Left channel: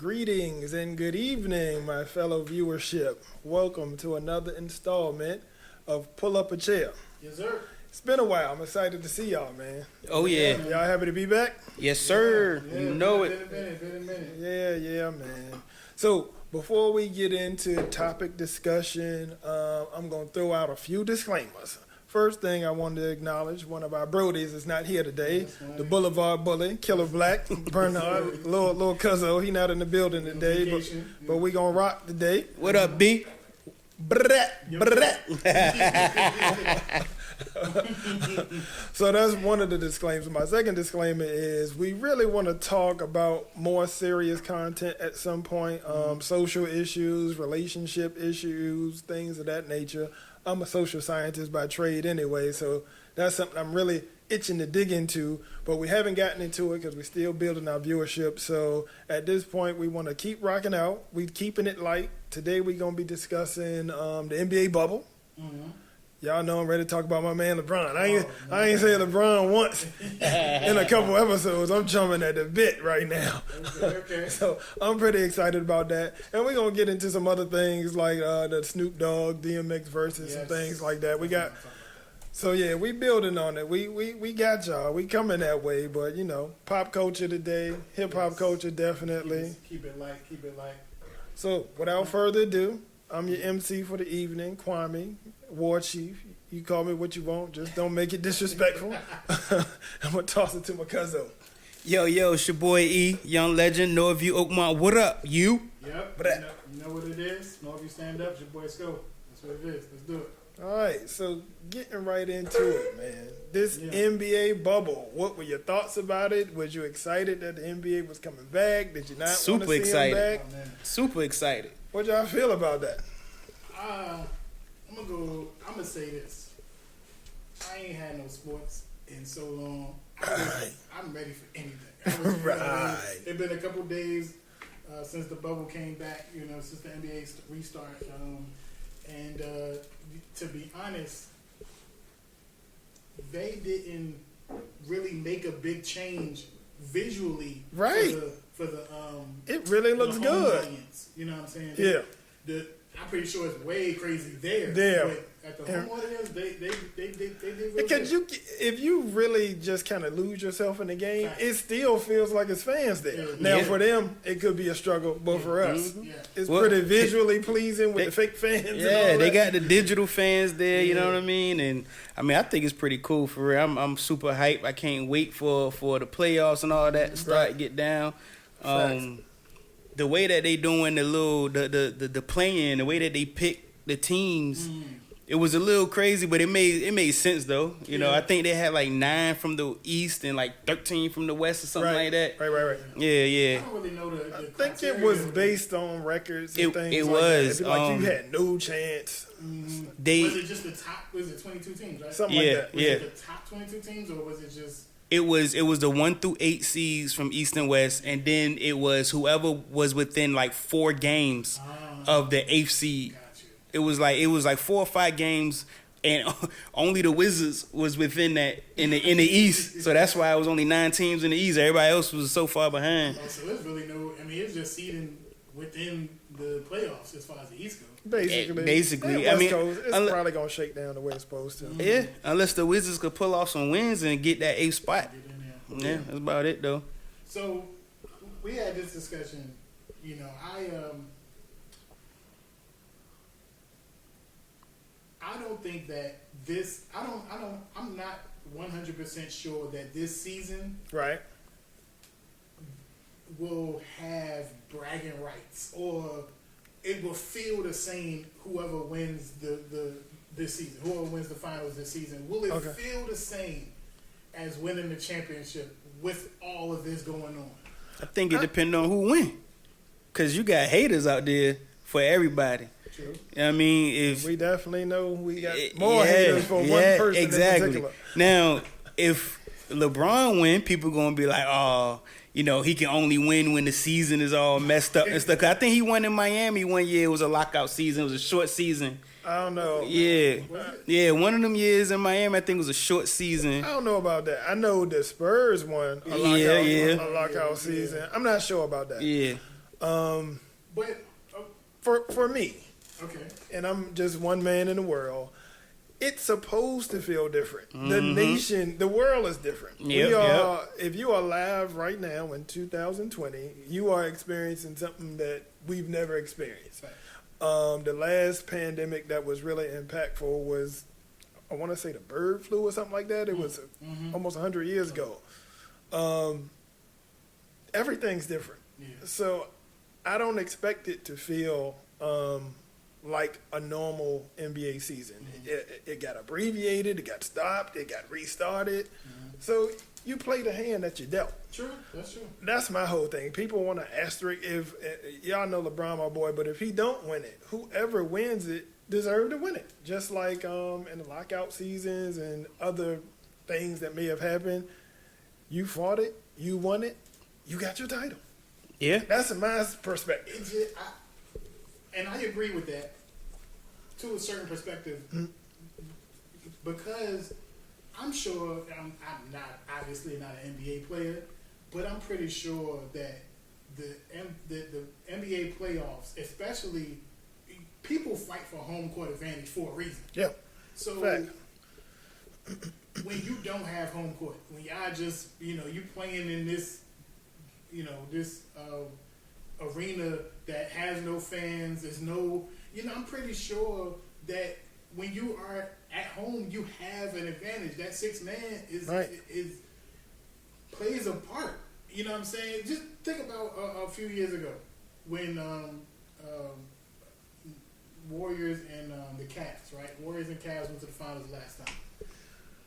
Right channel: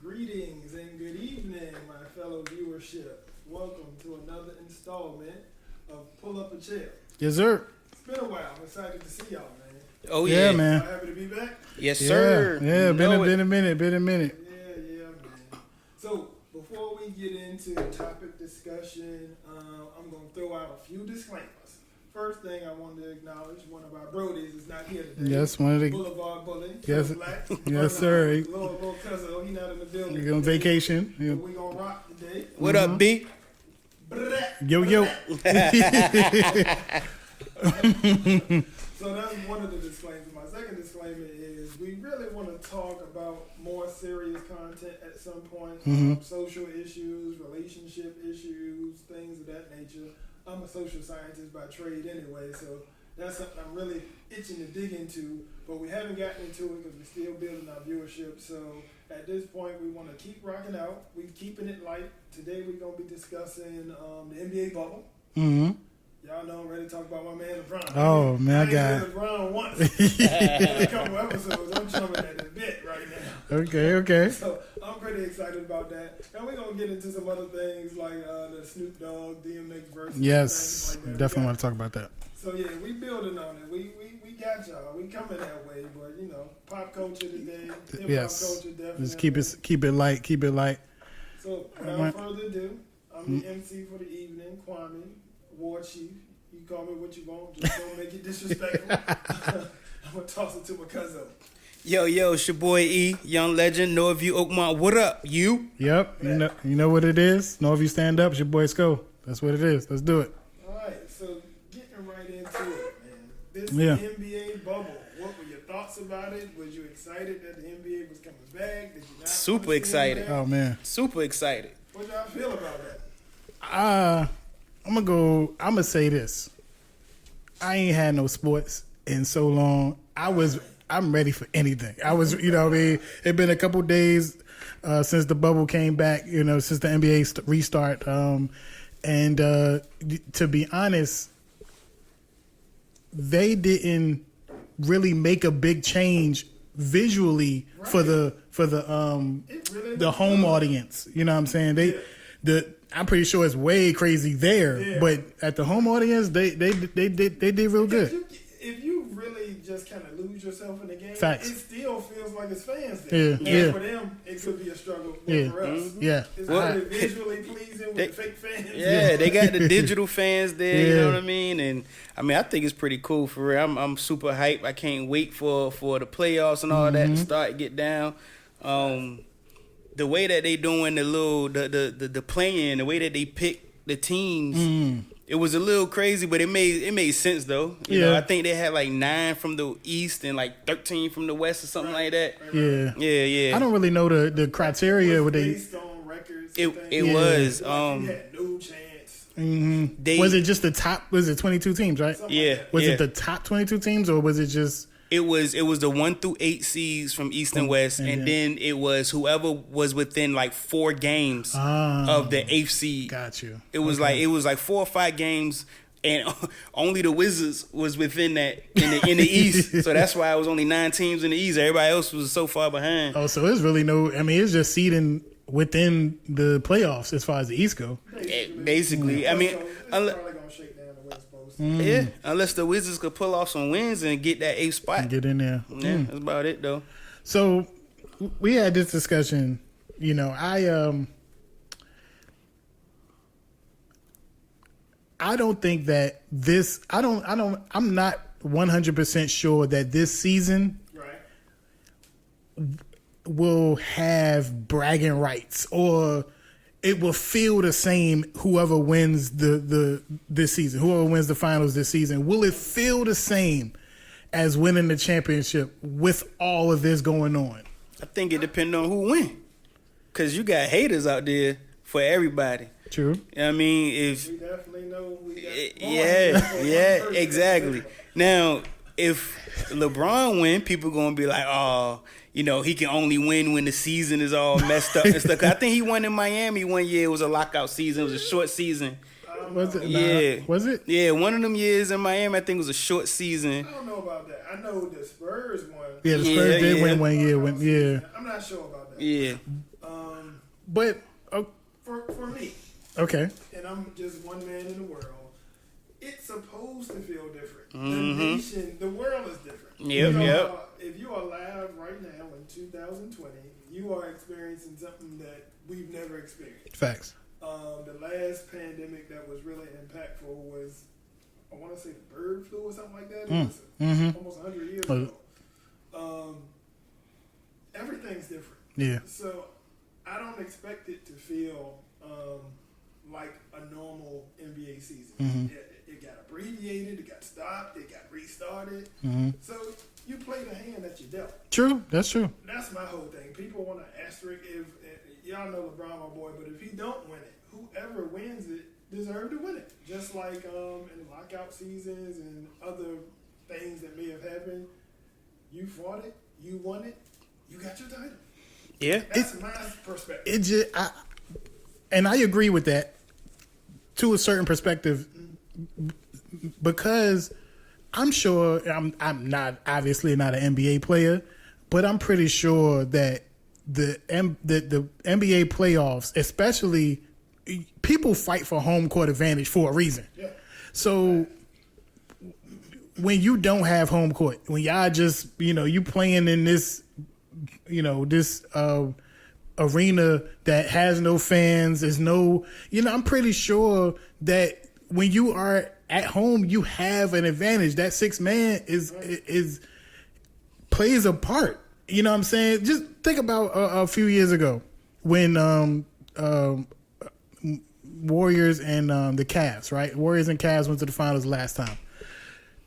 Greetings and good evening, my fellow viewership. Welcome to another installment of Pull Up a Chair. Yes, sir. It's been a while. I'm excited to see y'all, man. Oh, yeah. Man. Y'all happy to be back? Yes, sir. Yeah, been a minute. Yeah, man. So, before we get into topic discussion, I'm going to throw out a few disclaimers. First thing I wanted to acknowledge, one of our brodies is not here today. Yes, one of the Boulevard Bully, Killer Black, Yes, sir. little cuzzo. He not in the building On today. vacation. But we going to rock today. What up, B? Yo. So that's one of the disclaimers. My second disclaimer is we really want to talk about more serious content at some point. Social issues, relationship issues, things of that nature. I'm a social scientist by trade anyway, so that's something I'm really itching to dig into, but we haven't gotten into it because we're still building our viewership. So at this point, we want to keep rocking out. We're keeping it light. Today, we're going to be discussing the NBA bubble. Mm-hmm. Y'all know I'm ready to talk about my man LeBron. I ain't said LeBron once in a couple episodes. I'm jumping at the bit right now. Okay. So I'm pretty excited about that. And we're going to get into some other things like the Snoop Dogg, DMX Verzuz, and things like that. Definitely want to talk about that. So, yeah, we building on it. We got y'all. We coming that way. But, you know, pop culture today, hip-hop culture definitely. Just keep it light. So, without further ado, I'm your MC for the evening, Kwame, War Chief. You call me what you want. Just don't make it disrespectful. I'm going to toss it to my cousin. Yo, it's your boy E, Young Legend, Norview, Oakmont. What up, you? Yep. You know what it is? Norview stand up. It's your boy Sko. That's what it is. Let's do it. All right. So, getting right into it, man. This Yeah. NBA bubble, what were your thoughts about it? Was you excited that the NBA was coming back? Did you not Super wanna see excited. Him back? Oh, man. Super excited. What y'all feel about that? I'm gonna say this. I ain't had no sports in so long. I'm ready for anything. I was, you know what I mean? It's been a couple days since the bubble came back, you know, since the NBA restart. And to be honest, they didn't really make a big change visually for the It really the looks home good. audience. You know what I'm saying? I'm pretty sure it's way crazy there, but at the home audience, they did real Because good. if you really just kind of lose yourself in the game, Facts. it still feels like it's fans there. Yeah. Now Yeah. for them, it could be a struggle, but for us, Yeah. it's Well, pretty visually pleasing with the fake fans. and all Yeah, they that. got the digital fans there, you know Yeah. what I mean? And, I mean, I think it's pretty cool for real. I'm super hyped. I can't wait for the playoffs and all that to start, get down. The way that they doing the playing, the way that they pick the teams, it was a little crazy, but it made sense though. You know, I think they had like 9 from the East and like 13 from the West or something like that. Right. Yeah. I don't really know the criteria. It was with based on records. And things. It was. Like you had no chance. Was it just the top? Was it 22 teams? Right. Something like that. Was it the top 22 teams, or was it just? It was the 1 through 8 seeds from East and West, and then it was whoever was within like 4 games of the 8th seed. Got you. It was like 4 or 5 games, and only the Wizards was within that in the East. So that's why it was only 9 teams in the East. Everybody else was so far behind. Oh, so it's really no. I mean, it's just seeding within the playoffs as far as the East go. Basically. I mean, it's probably gonna shake down the way it's supposed to. Yeah, unless the Wizards could pull off some wins and get that 8th spot. Get in there. Yeah, that's about it though. So we had this discussion. You know, I don't think that this. I'm not 100% sure that this season will have bragging rights, or it will feel the same. Whoever wins this season, whoever wins the finals this season, will it feel the same as winning the championship with all of this going on? I think it depends on who win, cause you got haters out there for everybody. True. I mean, if we definitely know we got more haters for one person exactly. in particular. Now, if LeBron win, people gonna be like, oh, you know, he can only win when the season is all messed up and stuff. 'Cause I think he won in Miami one year. It was a lockout season. It was a short season. I don't know. Yeah. Was it? Yeah, one of them years in Miami, I think it was a short season. I don't know about that. I know the Spurs won. Yeah, Yeah. one year. Season. I'm not sure about that. Yeah. But For me, okay, and I'm just one man in the world, it's supposed to feel different. Mm-hmm. The nation, the world is different. If you are alive right now in 2020, you are experiencing something that we've never experienced. facts. The last pandemic that was really impactful was, I want to say, the bird flu or something like that. It was almost 100 years ago. Everything's different. Yeah. So I don't expect it to feel like a normal NBA season. It got abbreviated, it got stopped, it got restarted. So you play the hand that you dealt. True, that's true. That's my whole thing. People want to asterisk if y'all know LeBron, my boy, but if he don't win it, whoever wins it deserve to win it. Just like in the lockout seasons and other things that may have happened, you fought it, you won it, you got your title. Yeah, That's my perspective. And I agree with that to a certain perspective, because I'm sure I'm not obviously not an NBA player, but I'm pretty sure that the NBA playoffs, especially, people fight for home court advantage for a reason. Yeah. So when you don't have home court, when y'all just you playing in this this arena that has no fans, there's no I'm pretty sure that when you are at home, you have an advantage. That six man is plays a part. You know what I'm saying? Just think about a few years ago when Warriors and the Cavs, right? Warriors and Cavs went to the finals last time,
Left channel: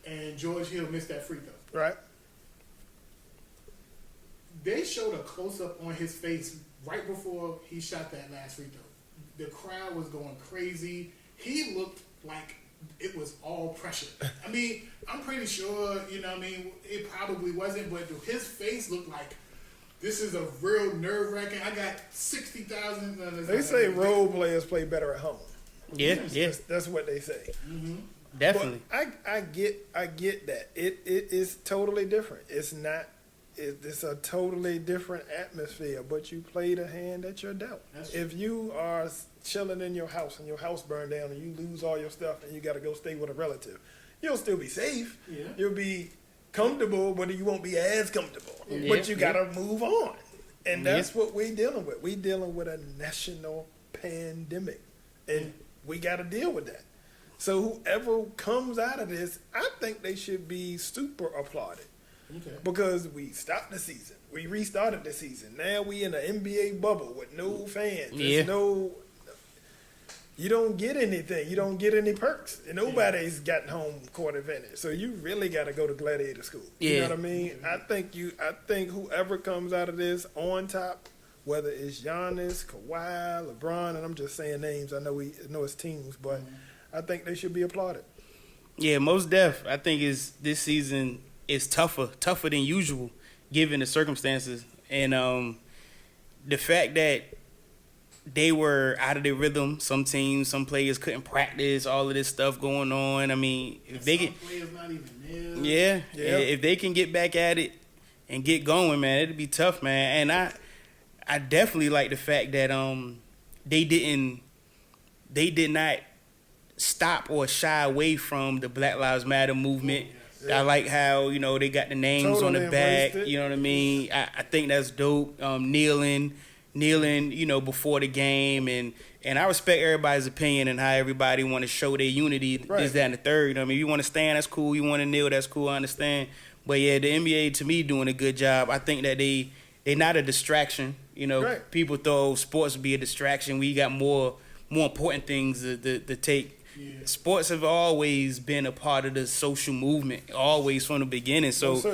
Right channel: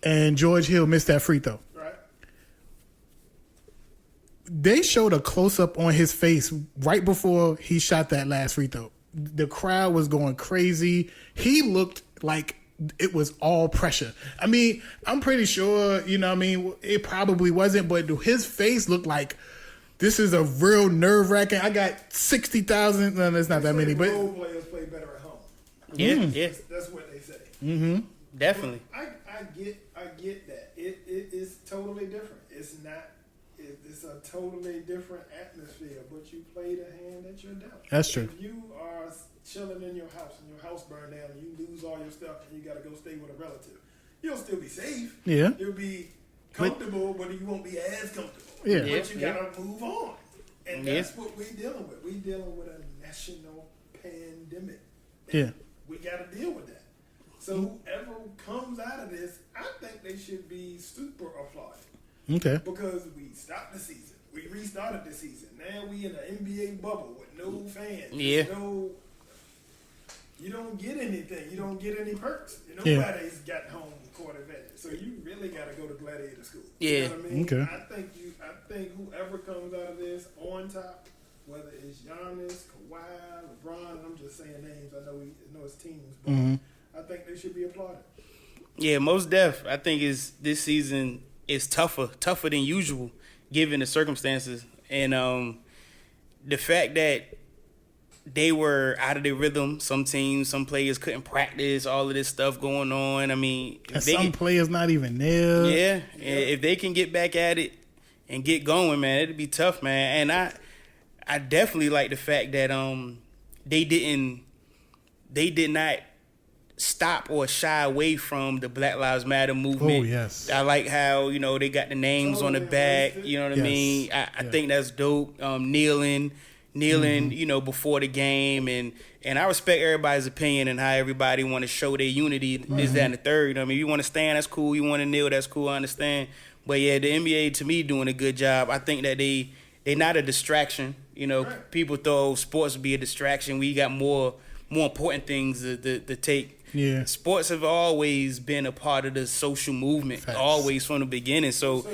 and George Hill missed that free throw. Right. They showed a close up on his face right before he shot that last free throw. The crowd was going crazy. He looked like it was all pressure. I mean, I'm pretty sure, it probably wasn't, but his face looked like this is a real nerve wracking. I got 60,000. No, that's not that many. They say role players play better at home. Yeah. That's what they say. Mm-hmm. Definitely. But I get that. It is totally different. It's not. It's a totally different atmosphere, but you play the hand that you're dealt. That's true. If you are chilling in your house and your house burned down and you lose all your stuff and you got to go stay with a relative, you'll still be safe. Yeah. You'll be comfortable, but you won't be as comfortable. Yeah. But you got to move on. And that's what we're dealing with. We're dealing with a national pandemic. And we got to deal with that. So whoever comes out of this, I think they should be super applauded. Okay. Because we stopped the season. We restarted the season. Now we in an NBA bubble with no fans. Yeah. You don't get anything. You don't get any perks. Nobody's got home court advantage. So you really got to go to gladiator school. You know what I mean? Okay. I think whoever comes out of this on top, whether it's Giannis, Kawhi, LeBron, and I'm just saying names. I know it's teams, but I think they should be applauded. Yeah, most def. I think this season is tougher than usual, given the circumstances, and the fact that they were out of their rhythm. Some teams, some players couldn't practice. All of this stuff going on. I mean, players not even there. Yeah, if they can get back at it and get going, man, it'd be tough, man. And I definitely like the fact that they did not stop or shy away from the Black Lives Matter movement. Oh, yes. I like how, they got the names on the back. You know what I mean? I think that's dope. Kneeling, before the game. And I respect everybody's opinion and how everybody want to show their unity, this, that, and the third. I mean, you want to stand, that's cool. You want to kneel, that's cool. I understand. But, yeah, the NBA, to me, doing a good job. I think that they're not a distraction. People thought sports would be a distraction. We got more important things to take. Yeah. Sports have always been a part of the social movement, always from the beginning. So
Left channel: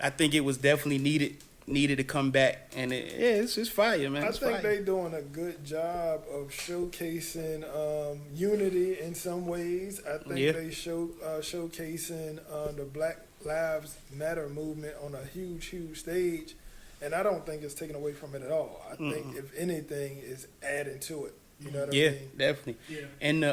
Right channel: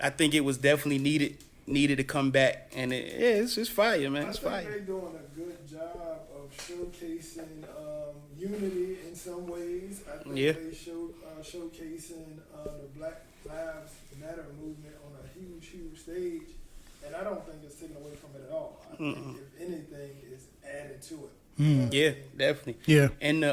I think it was definitely needed to come back, and it's fire, man. It's fire. I think they're doing a good job of showcasing unity in some ways. I think they showcasing the Black Lives Matter movement on a huge stage, and I don't think it's taken away from it at all. I think if anything, is adding to it. You know what I mean? Definitely. Yeah. And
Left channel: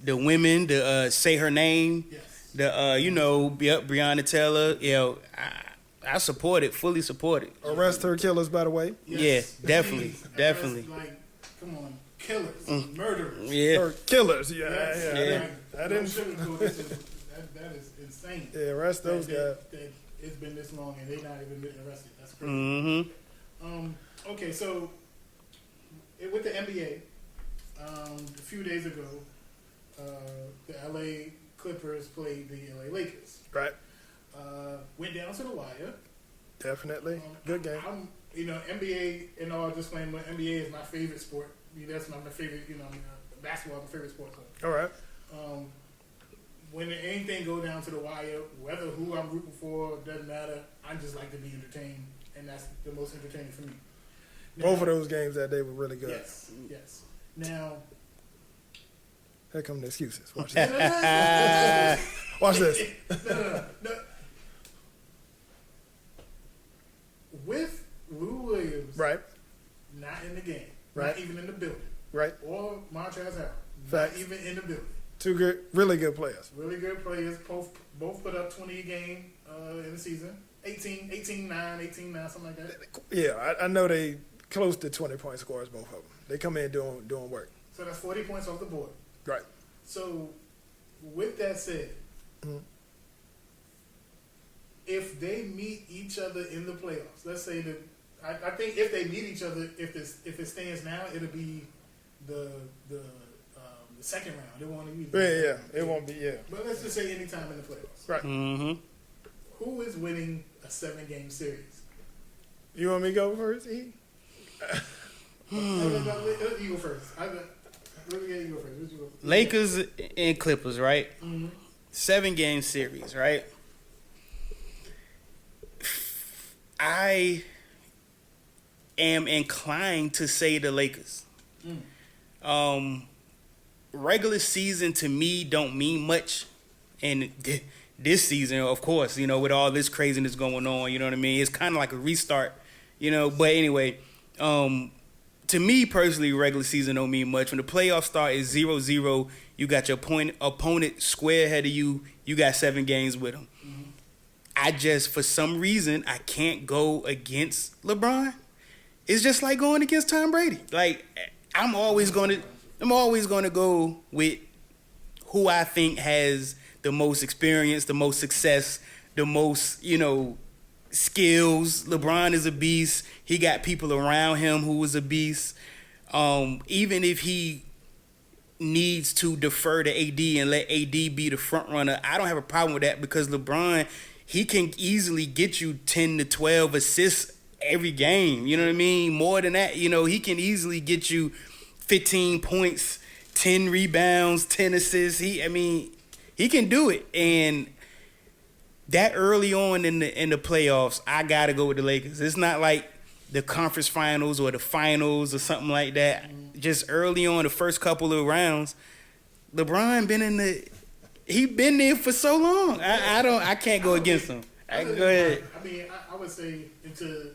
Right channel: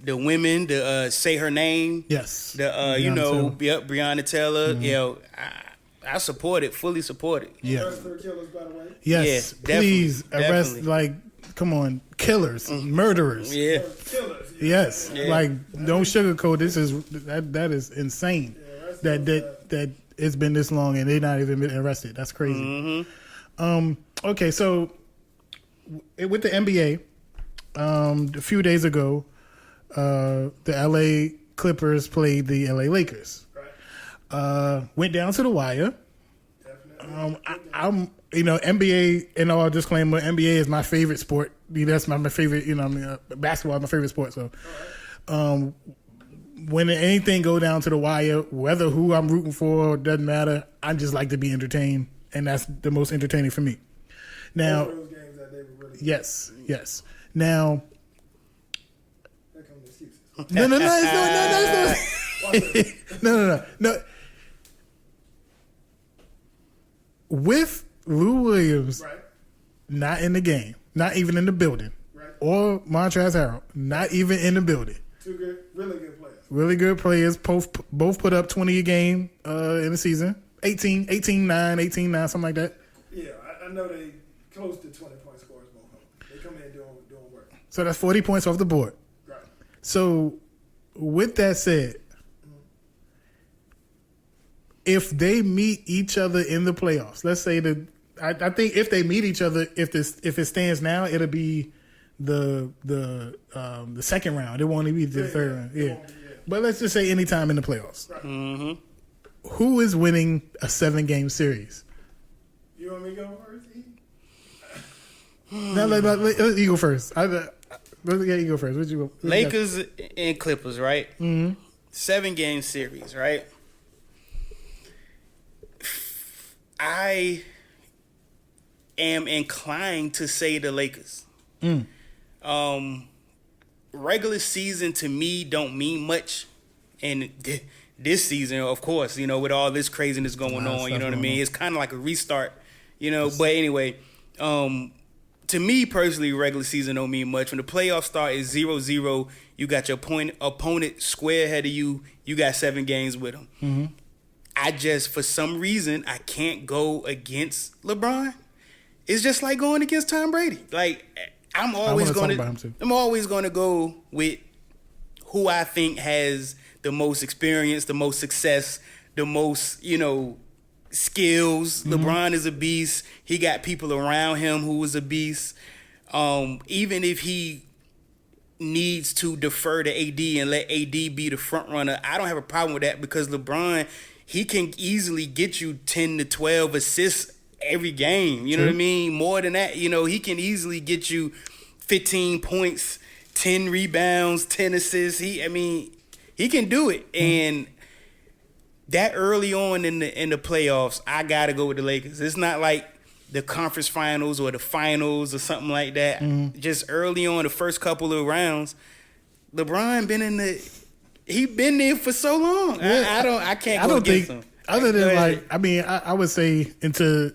the women, the say her name. Yes. Breonna Taylor. Mm-hmm. I support it, fully support it. Arrest her killers, by the way. Yes, Yeah, definitely, please arrest, definitely. like, come on, killers, murderers. Yeah. Or killers. Yeah, Yes, yeah. Yeah. like don't sugarcoat. This is that is insane. Yeah, arrest that those that it's been this long and they're not even been arrested. That's crazy. Mm-hmm. Okay, so with the NBA, a few days ago, the LA Clippers played the LA Lakers. Right. Went down to the wire. Definitely. Good game. I'm NBA, and all disclaimer, NBA is my favorite sport. That's my favorite. Basketball is my favorite sport. So, All right. when anything go down to the wire, whether who I'm rooting for doesn't matter. I just like to be entertained, and that's the most entertaining for me. Now, Both of those games that day were really good. yes. Now, Here come the excuses. Watch no. Watch this. No. With Lou Williams Right. not in the game, not even in the building, Right. or Montrezl Harrell not Right. even in the building. Two good, really good players. Really good players. Both put up 20 a game in the season. 18-9, something like that. Yeah, I know they close to 20-point scores, both of them. They come in doing work. So that's 40 points off the board. Right. So with that said, if they meet each other in the playoffs, let's say I think if they meet each other, if it stands now, it'll be the second round. It won't even be the third round. It won't be, But let's just say anytime in the playoffs. Right. Mm-hmm. Who is winning a 7-game series? You want me to go first, E? No, let you go first. You go first. What'd you go? Lakers and Clippers, right? Mm-hmm. 7-game series, right? I am inclined to say the Lakers. Regular season to me don't mean much, and this season, of course, with all this craziness going on, you know what I mean? It's kind of like a restart, But anyway, to me personally, regular season don't mean much. When the playoffs start, it's 0-0. You got your opponent square ahead of you. You got 7 games with them. Mm-hmm. I just, for some reason, I can't go against LeBron. It's just like going against Tom Brady. Like, I'm always going to go with who I think has the most experience, the most success, the most, skills. Mm-hmm. LeBron is a beast. He got people around him who is a beast. Even if he needs to defer to AD and let AD be the front runner, I don't have a problem with that because LeBron, he can easily get you 10 to 12 assists every game. You know what I mean? More than that, he can easily get you 15 points, 10 rebounds, 10 assists. He can do it. And that early on in the playoffs, I got to go with the Lakers. It's not like the conference finals or the finals or something like that. Mm-hmm. Just early on, the first couple of rounds, LeBron he been there for so long. Yeah. I can't go against him. Other than I would say into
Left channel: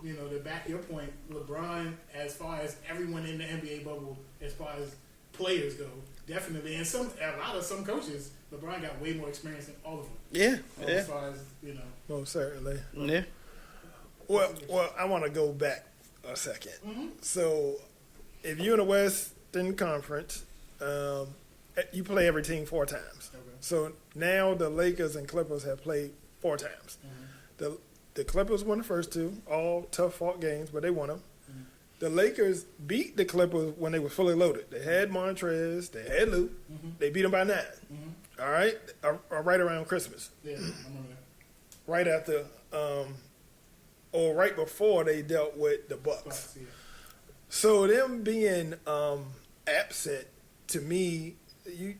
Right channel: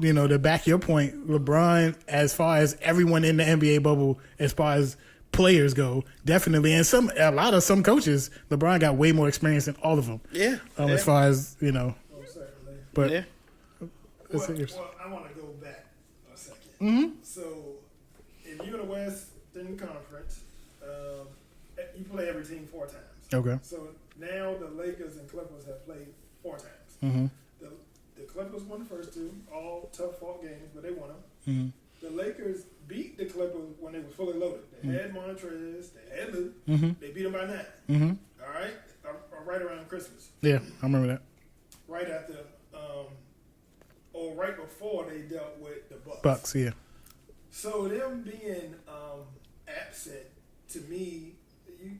to back your point, LeBron, as far as everyone in the NBA bubble, as far as players go, definitely, and a lot of some coaches, LeBron got way more experience than all of them. Yeah. As far as most certainly. But yeah. Well, I want to go back a second. Mm-hmm. So, if you're in the Western Conference, you play every team 4 times. Okay. So now the Lakers and Clippers have played 4 times. Mm-hmm. The Clippers won the first 2, all tough fought games, but they won them. Mm-hmm. The Lakers beat the Clippers when they were fully loaded. They had Montrez, they had Lou. Mm-hmm. They beat them by 9. Mm-hmm. All right, right around Christmas. Yeah, I remember that. Right after, or right before they dealt with the Bucks. Bucks, yeah. So them being absent, to me, you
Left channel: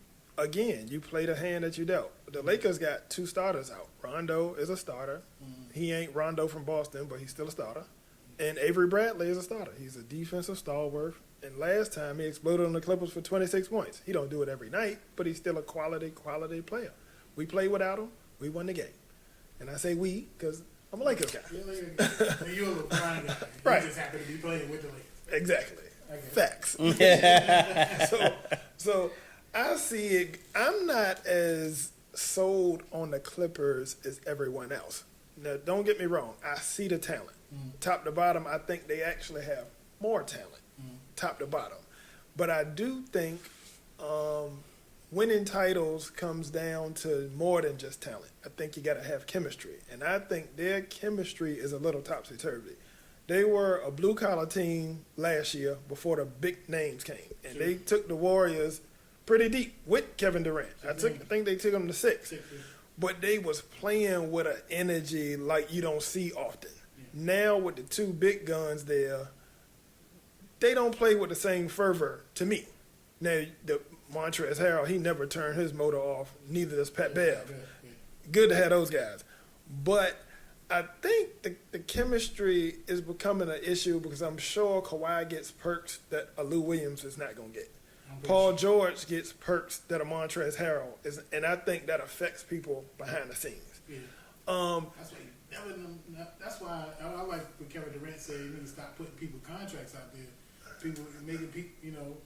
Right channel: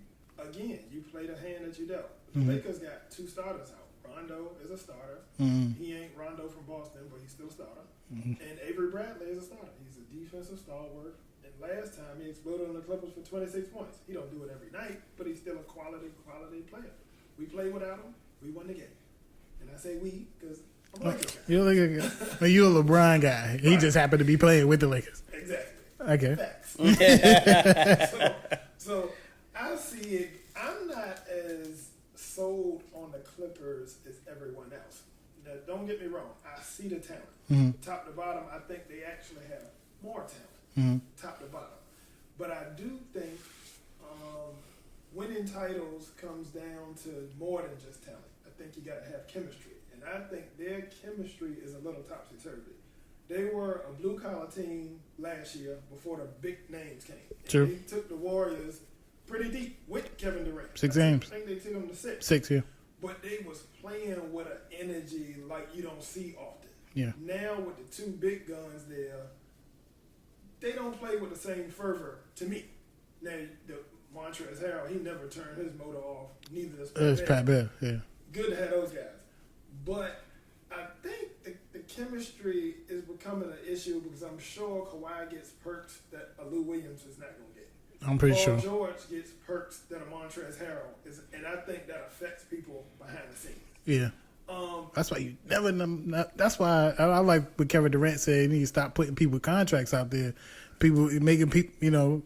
played a hand that you dealt. The Lakers got 2 starters out. Rondo is a starter. Mm-hmm. He ain't Rondo from Boston, but he's still a starter. Mm-hmm. And Avery Bradley is a starter. He's a defensive stalwart. And last time he exploded on the Clippers for 26 points. He don't do it every night, but he's still a quality player. We played without him. We won the game. And I say we because I'm a Lakers guy. You're a Lakers guy. You're a LeBron guy. He just happened to be playing with the Lakers. Exactly. Okay. Facts. so I see it. I'm not as sold on the Clippers as everyone else. Now, don't get me wrong. I see the talent. Top to bottom, I think they actually have more talent. Top to bottom. But I do think winning titles comes down to more than just talent. I think you got to have chemistry. And I think their chemistry is a little topsy-turvy. They were a blue-collar team last year before the big names came. And True. they took the Warriors pretty deep with Kevin Durant. I think they took them to 6. 6, yeah. But they was playing with an energy like you don't see often. Yeah. Now with the 2 big guns there, they don't play with the same fervor to me. Now, the Montrezl Harrell, he never turned his motor off. Neither does Pat Bev. Yeah. Good to have those guys. But I think the chemistry is becoming an issue because I'm sure Kawhi gets perks that a Lou Williams is not going to get. I'm pretty Paul sure. George gets perks that a Montrezl Harrell is, and I think that affects people behind the scenes. Yeah. That's why you never know. That's why I like what Kevin Durant said. You need to stop putting people contracts out there. People making people,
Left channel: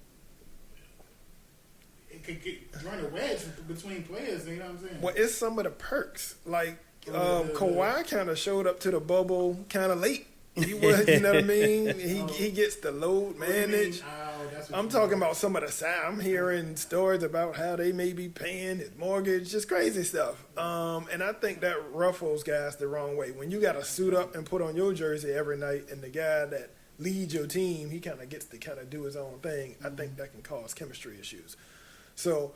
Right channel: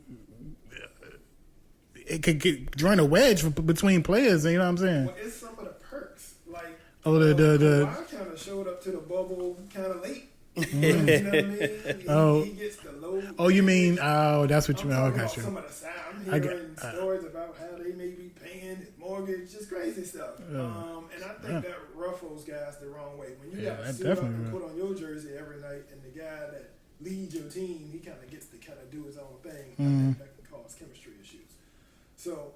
it could join a wedge between players. You know what I'm saying? Well, it's some of the perks. Like the Kawhi kind of showed up to the bubble kind of late. He was, you know what I mean? He gets the low. Oh, you mean? Oh, that's what I'm you. talking about. Some of the side. I'm hearing stories about how they may be paying his mortgage, just crazy stuff. And I think that ruffles guys the wrong way. When you got to suit up and put on your jersey every night, and the guy that leads your team, he kind of gets to kind of do his own thing. I think that can cause chemistry issues. So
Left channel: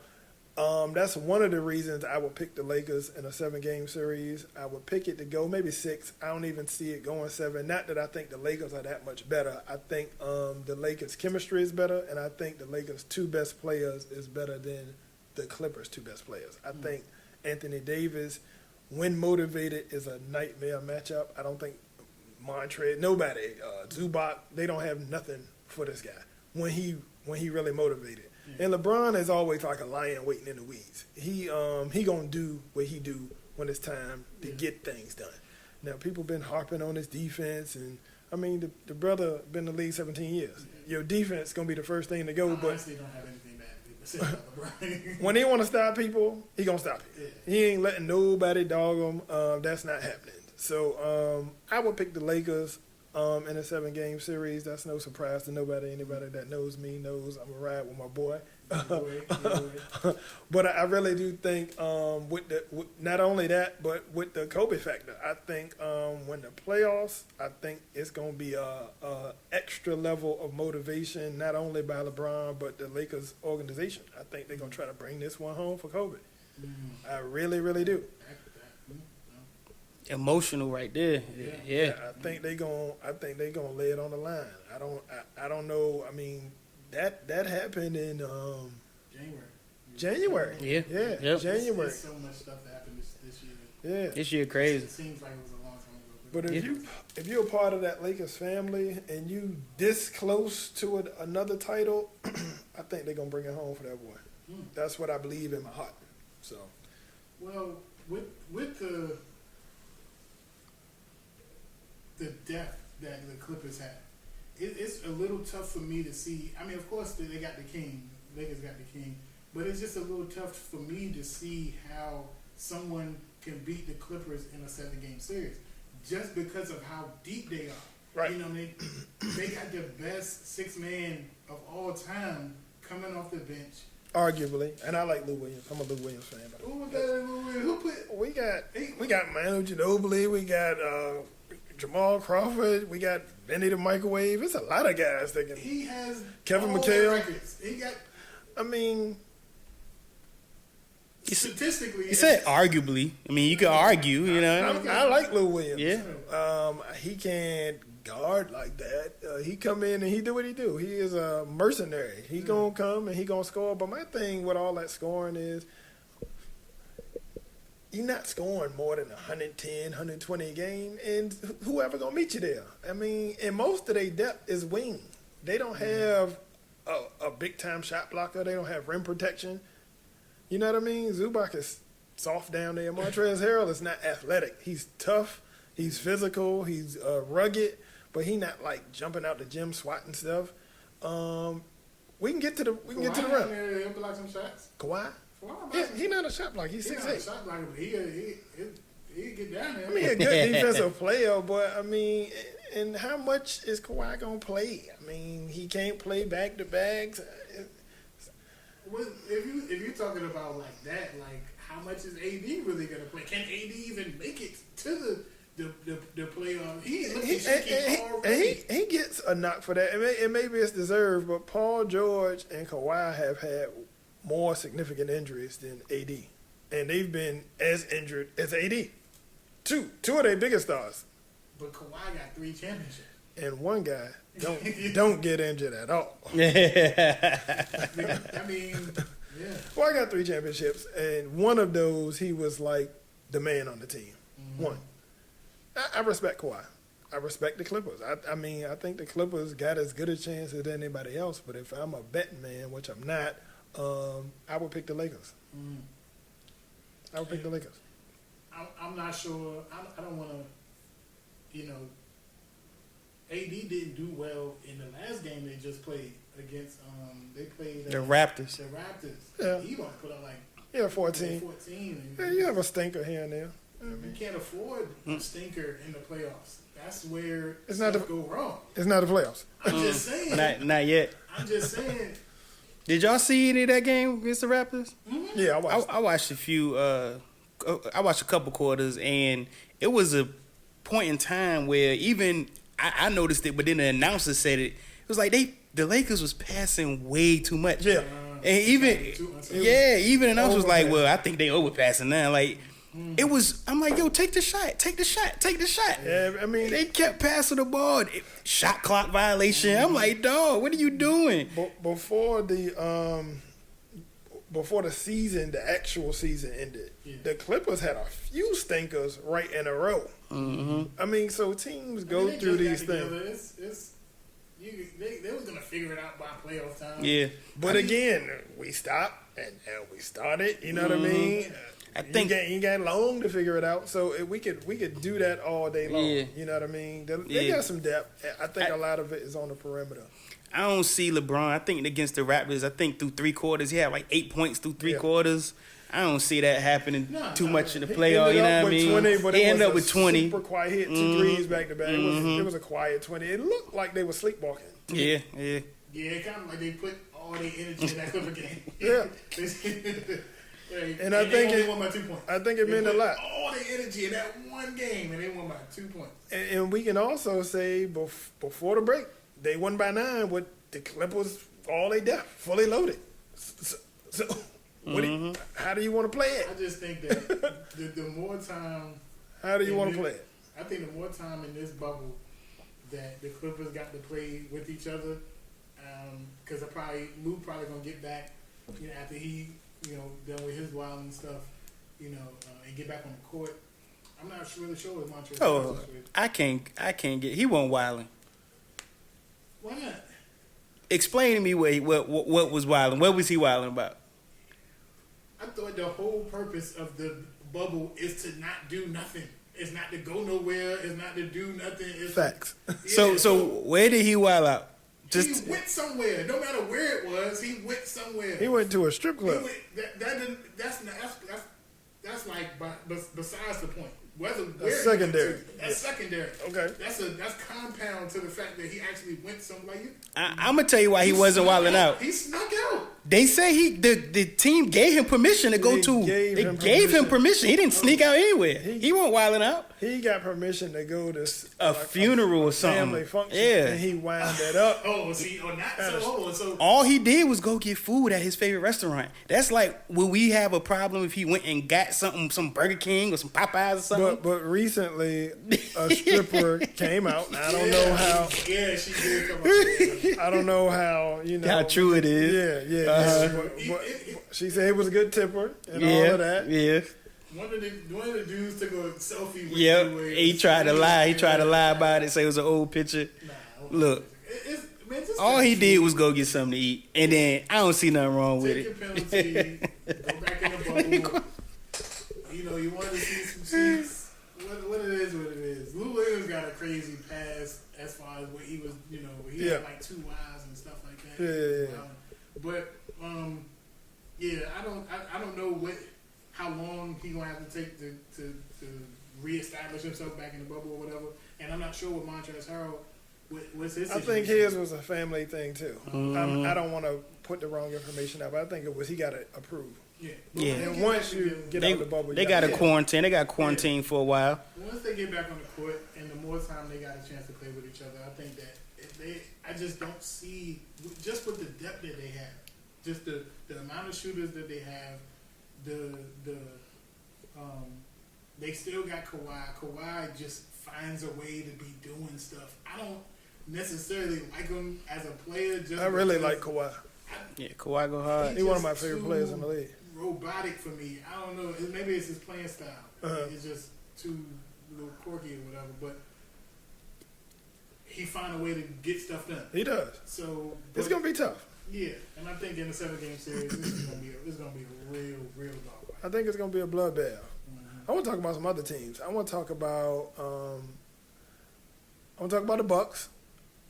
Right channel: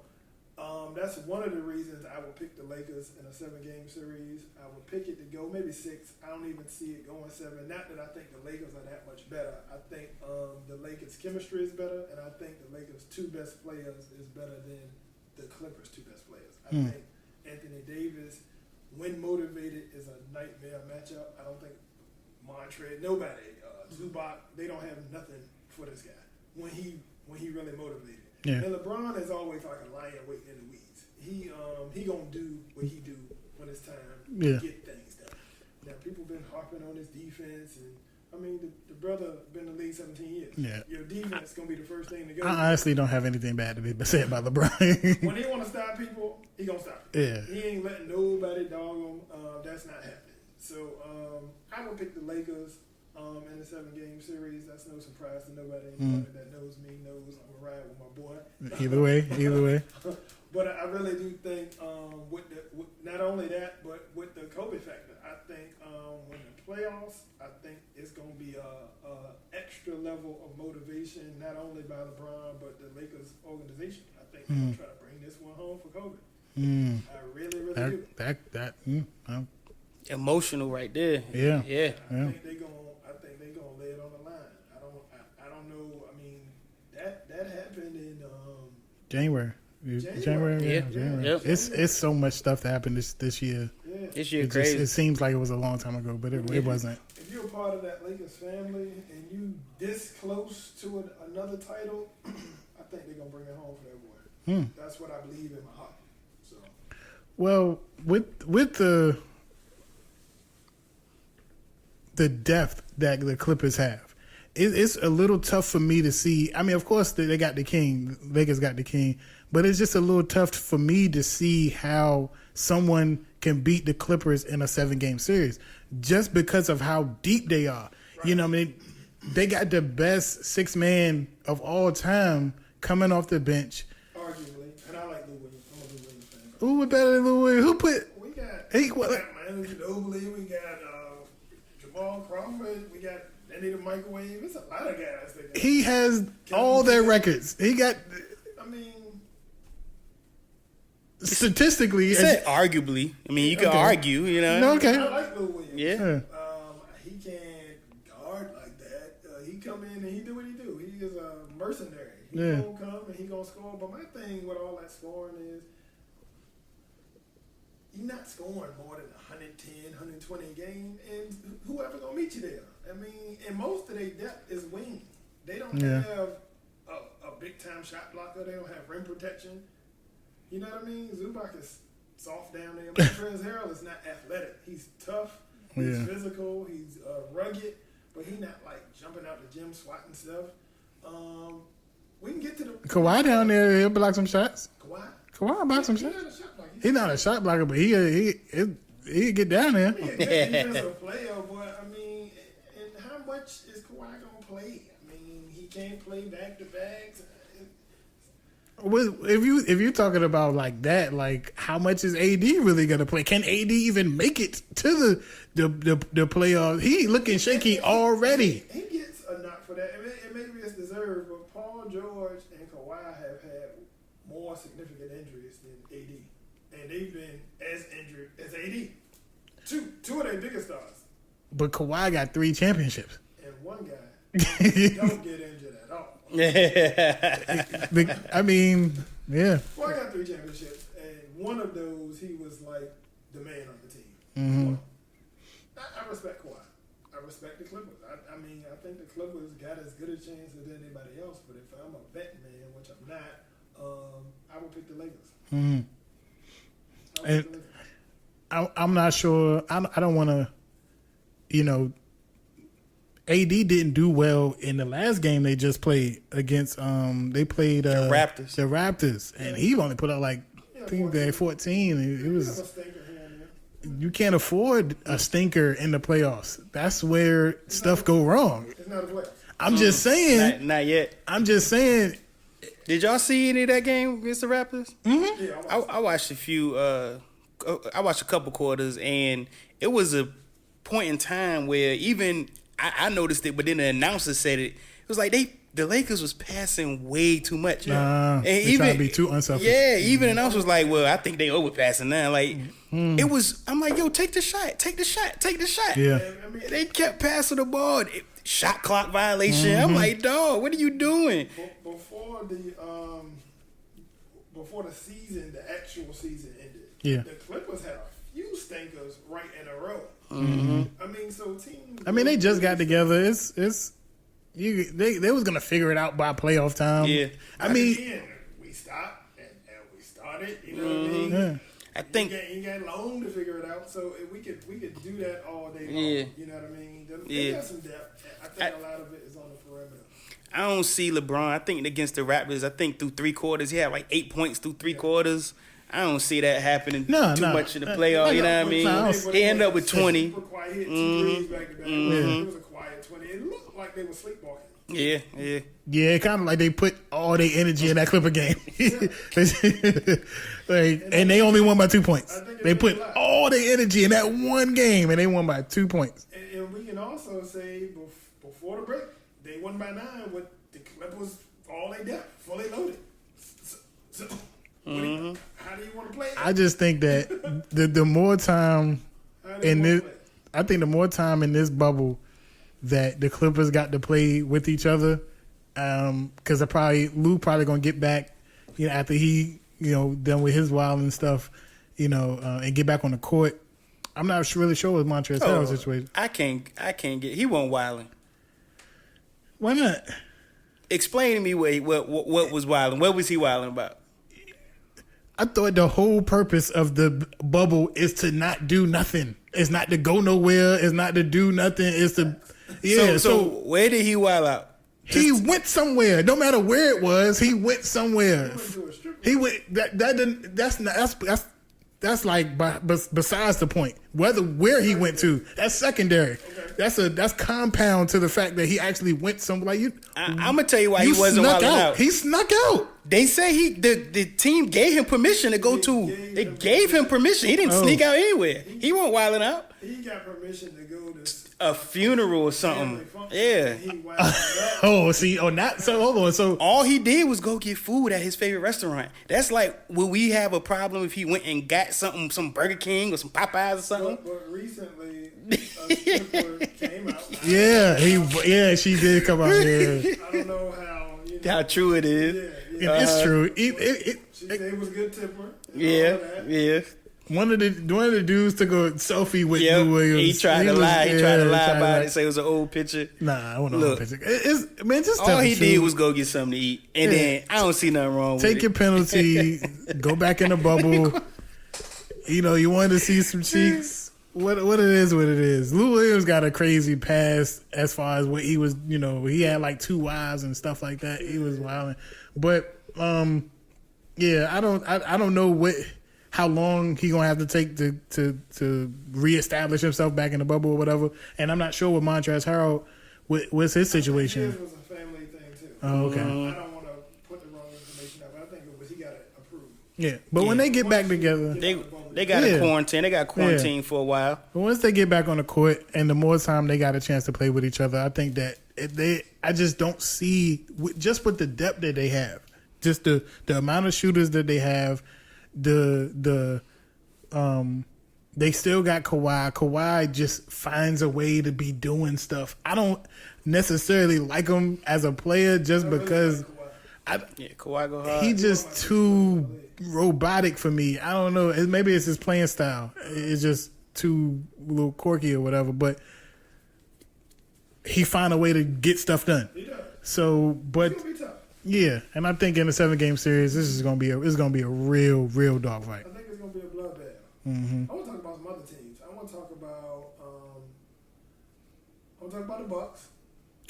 that's one of the reasons I would pick the Lakers in a 7-game series. I would pick it to go maybe 6. I don't even see it going 7. Not that I think the Lakers are that much better. I think the Lakers' chemistry is better, and I think the Lakers' 2 best players is better than the Clippers' 2 best players. I think Anthony Davis, when motivated, is a nightmare matchup. I don't think Montrezl, nobody, Zubac, they don't have nothing for this guy when he really motivated. Yeah. And LeBron is always like a lion waiting in the weeds. He gonna do what he do when it's time to get things done. Now people been harping on his defense, and I mean the brother been in the league 17 years. Yeah. Your defense gonna be the first thing to go. I honestly don't have anything bad to be said about LeBron. When he want to stop people, he gonna stop you. Yeah. He ain't letting nobody dog him. That's not happening. So I would pick the Lakers. In a 7-game series, that's no surprise to nobody. Anybody that knows me knows I'm gonna ride with my boy. Either way. But I really do think with not only that, but with the Kobe factor, I think when the playoffs, I think it's gonna be a extra level of motivation, not only by LeBron but the Lakers organization. I think they're gonna try to bring this one home for Kobe. I really do. Emotional right there. Yeah. I think they gonna lay it on the line. I don't know. I mean, that happened in January. Yeah. Yep. January. It's so much stuff that happened this year. Yeah. This year crazy. It seems like it was a long time ago, but it wasn't. If you're a part of that Lakers family and you this close to another title, I think they're gonna bring it home for that boy. That's what I believe in my heart. So, well, with the depth that the Clippers have, it's a little tough for me to see. I mean, of course, they got the king. Lakers got the king. But it's just a little tough for me to see how someone can beat the Clippers in a 7-game series just because of how deep they are. Right. You know what I mean? They got the best 6-man of all time coming off the bench. Arguably. And I like Lou Williams. I'm a Lou Williams fan. Who better than Lou Williams? Who put... We got Manu Ginobili. We got Jamal Crawford. We got Benny the Microwave. It's a lot of guys that can... He has Kevin all McHale. their records. He got... I mean... Statistically... You said arguably. I mean, you could argue, you know. Okay. I like Lou Williams. Yeah. He can't guard like that. He come in and he do what he do. He is a mercenary. He gonna come and he gonna score. But my thing with all that scoring is you're not scoring more than 110, 120 a game, and whoever gonna meet you there. I mean, and most of their depth is wing. They don't have a big time shot blocker. They don't have rim protection. You know what I mean? Zubac is soft down there. Montrezl Harrell is not athletic. He's tough. He's physical. He's rugged. But he not like jumping out the gym swatting stuff. We can get to the Kawhi down there. He'll block some shots. Kawhi block some shots. He's not a shot blocker. He's not a shot blocker, but he he get down there. I mean, a good defensive player, but I mean, and how much is Kawhi gonna play? I mean, he can't play back to backs. If you're talking about like that, like how much is AD really gonna play? Can AD even make it to the playoffs? He looking shaky already. He gets a knock for that. Maybe it's deserved, but Paul George and Kawhi have had more significant injuries than AD, and they've been as injured as AD. Two of their biggest stars. But Kawhi got 3 championships, and one guy don't get injured at all. I mean, yeah. Kawhi got 3 championships, and one of those he was like the man on the team. Mm-hmm. One. I respect Kawhi. I respect the Clippers. I mean, I think the Clippers got as good a chance as anybody else. But if I'm a betting man, which I'm not, I would pick the Lakers. Mm-hmm. I would pick the Lakers. I'm not sure. I don't want to, AD didn't do well in the last game they just played against. They played the Raptors. The Raptors, and he only put up like 14. 14. You have a stinker here and there. You can't afford a stinker in the playoffs. That's where stuff go wrong. It's not the playoffs. I'm just saying. Not yet. I'm just saying. Did y'all see any of that game against the Raptors? Mm-hmm. Yeah, I watched a few. I watched a couple quarters, and it was a point in time where even I noticed it, but then the announcer said it. It was like the Lakers was passing way too much. Yeah, and even be too unselfish. Yeah, even the announcer was like, "Well, I think they overpassing now." Like it was. I'm like, "Yo, take the shot, take the shot, take the shot." Yeah. I mean, they kept passing the ball. Shot clock violation. Mm-hmm. I'm like, dog, what are you doing? Before the season, the actual season ended, the Clippers had a few stinkers right in a row. Mm-hmm. I mean, so teams. I mean, they just got together. They was gonna figure it out by playoff time. Yeah, but again, we stopped and we started. You know what I mean? Yeah. I think you got long to figure it out. So we could do that all day long. Yeah. You know what I mean? They got some depth. I think a lot of it is on the perimeter. I don't see LeBron. I think against the Raptors, I think through 3 quarters, he had like 8 points through 3 quarters. I don't see that happening too much in the playoffs. You know what I mean? He ended up with 20. Super quiet. He hit 2 threes back to back. It was a quiet 20. It looked like they were sleepwalking. Yeah. Yeah, kind of like they put all their energy in that Clipper game. Yeah. and they only won by 2 points. I think they put all their energy in that one game, and they won by 2 points. And we can also say before the break, they won by 9 with the Clippers all they depth, fully loaded. So how do you want to play it? I just think that the more time, how do you want to play it? I think the more time in this bubble that the Clippers got to play with each other, because Lou probably gonna get back, after he done with his wild and stuff, and get back on the court. I'm not really sure what Montrezl Harrell's situation. I can't get. He won't wilding. Why not? Explain to me what was wilding. What was he wilding about? I thought the whole purpose of the bubble is to not do nothing. It's not to go nowhere. It's not to do nothing. It's so where did he wild out? He went somewhere. No matter where it was, he went somewhere. He went to a strip club. He went. That's like besides the point. Where he went to, that's secondary. Okay. That's compound to the fact that he actually went somewhere. I'm gonna tell you why he wasn't wilding out. He snuck out. They say the team gave him permission to go to. They gave him permission. He didn't sneak out anywhere. He wasn't wilding out. He got permission to go to a funeral or something. Yeah. And he wound that up. Not so. Hold on. So all he did was go get food at his favorite restaurant. That's like, will we have a problem if he went and got something, some Burger King or some Popeyes or something? But recently, a stripper came out. She did come out. Yeah. I don't know how how true it is. Yeah, it's true. She said it was a good tipper. And all of that. Yeah. One of the dudes took a selfie with Lou Williams. He tried to lie. He tried to lie about it. Say it was an old picture. Nah, I want an old picture. Just all he did was go get something to eat, and then I don't see nothing wrong with it. Take your penalty. Go back in the bubble. You wanted to see some cheeks. What it is, what it is. Lou Williams got a crazy past as far as what he was. He had like 2 wives and stuff like that. He was wilding, but I don't know what. how long he gonna have to take to reestablish himself back in the bubble or whatever. And I'm not sure with Montrezl Harrell, what's his situation. I think his was a family thing too. Oh, okay. I don't want to put the wrong information out, but I think it was he got it approved. Yeah, but when they get back together, they got a quarantine. They got quarantine for a while. But once they get back on the court, and the more time they got a chance to play with each other, I think that I just don't see just with the depth that they have, just the amount of shooters that they have, they still got Kawhi. Kawhi just finds a way to be doing stuff. I don't necessarily like him as a player just because. I really like Kawhi. Kawhi go hard. He's just too robotic for me. I don't know. Maybe it's his playing style. It's just too a little quirky or whatever. But he find a way to get stuff done. He does. So, but it's gonna be tough. Yeah, and I think in a 7-game series, this is gonna be a real dogfight. I think it's gonna be a bloodbath. I want to talk about some other teams. I want to talk about the Bucks.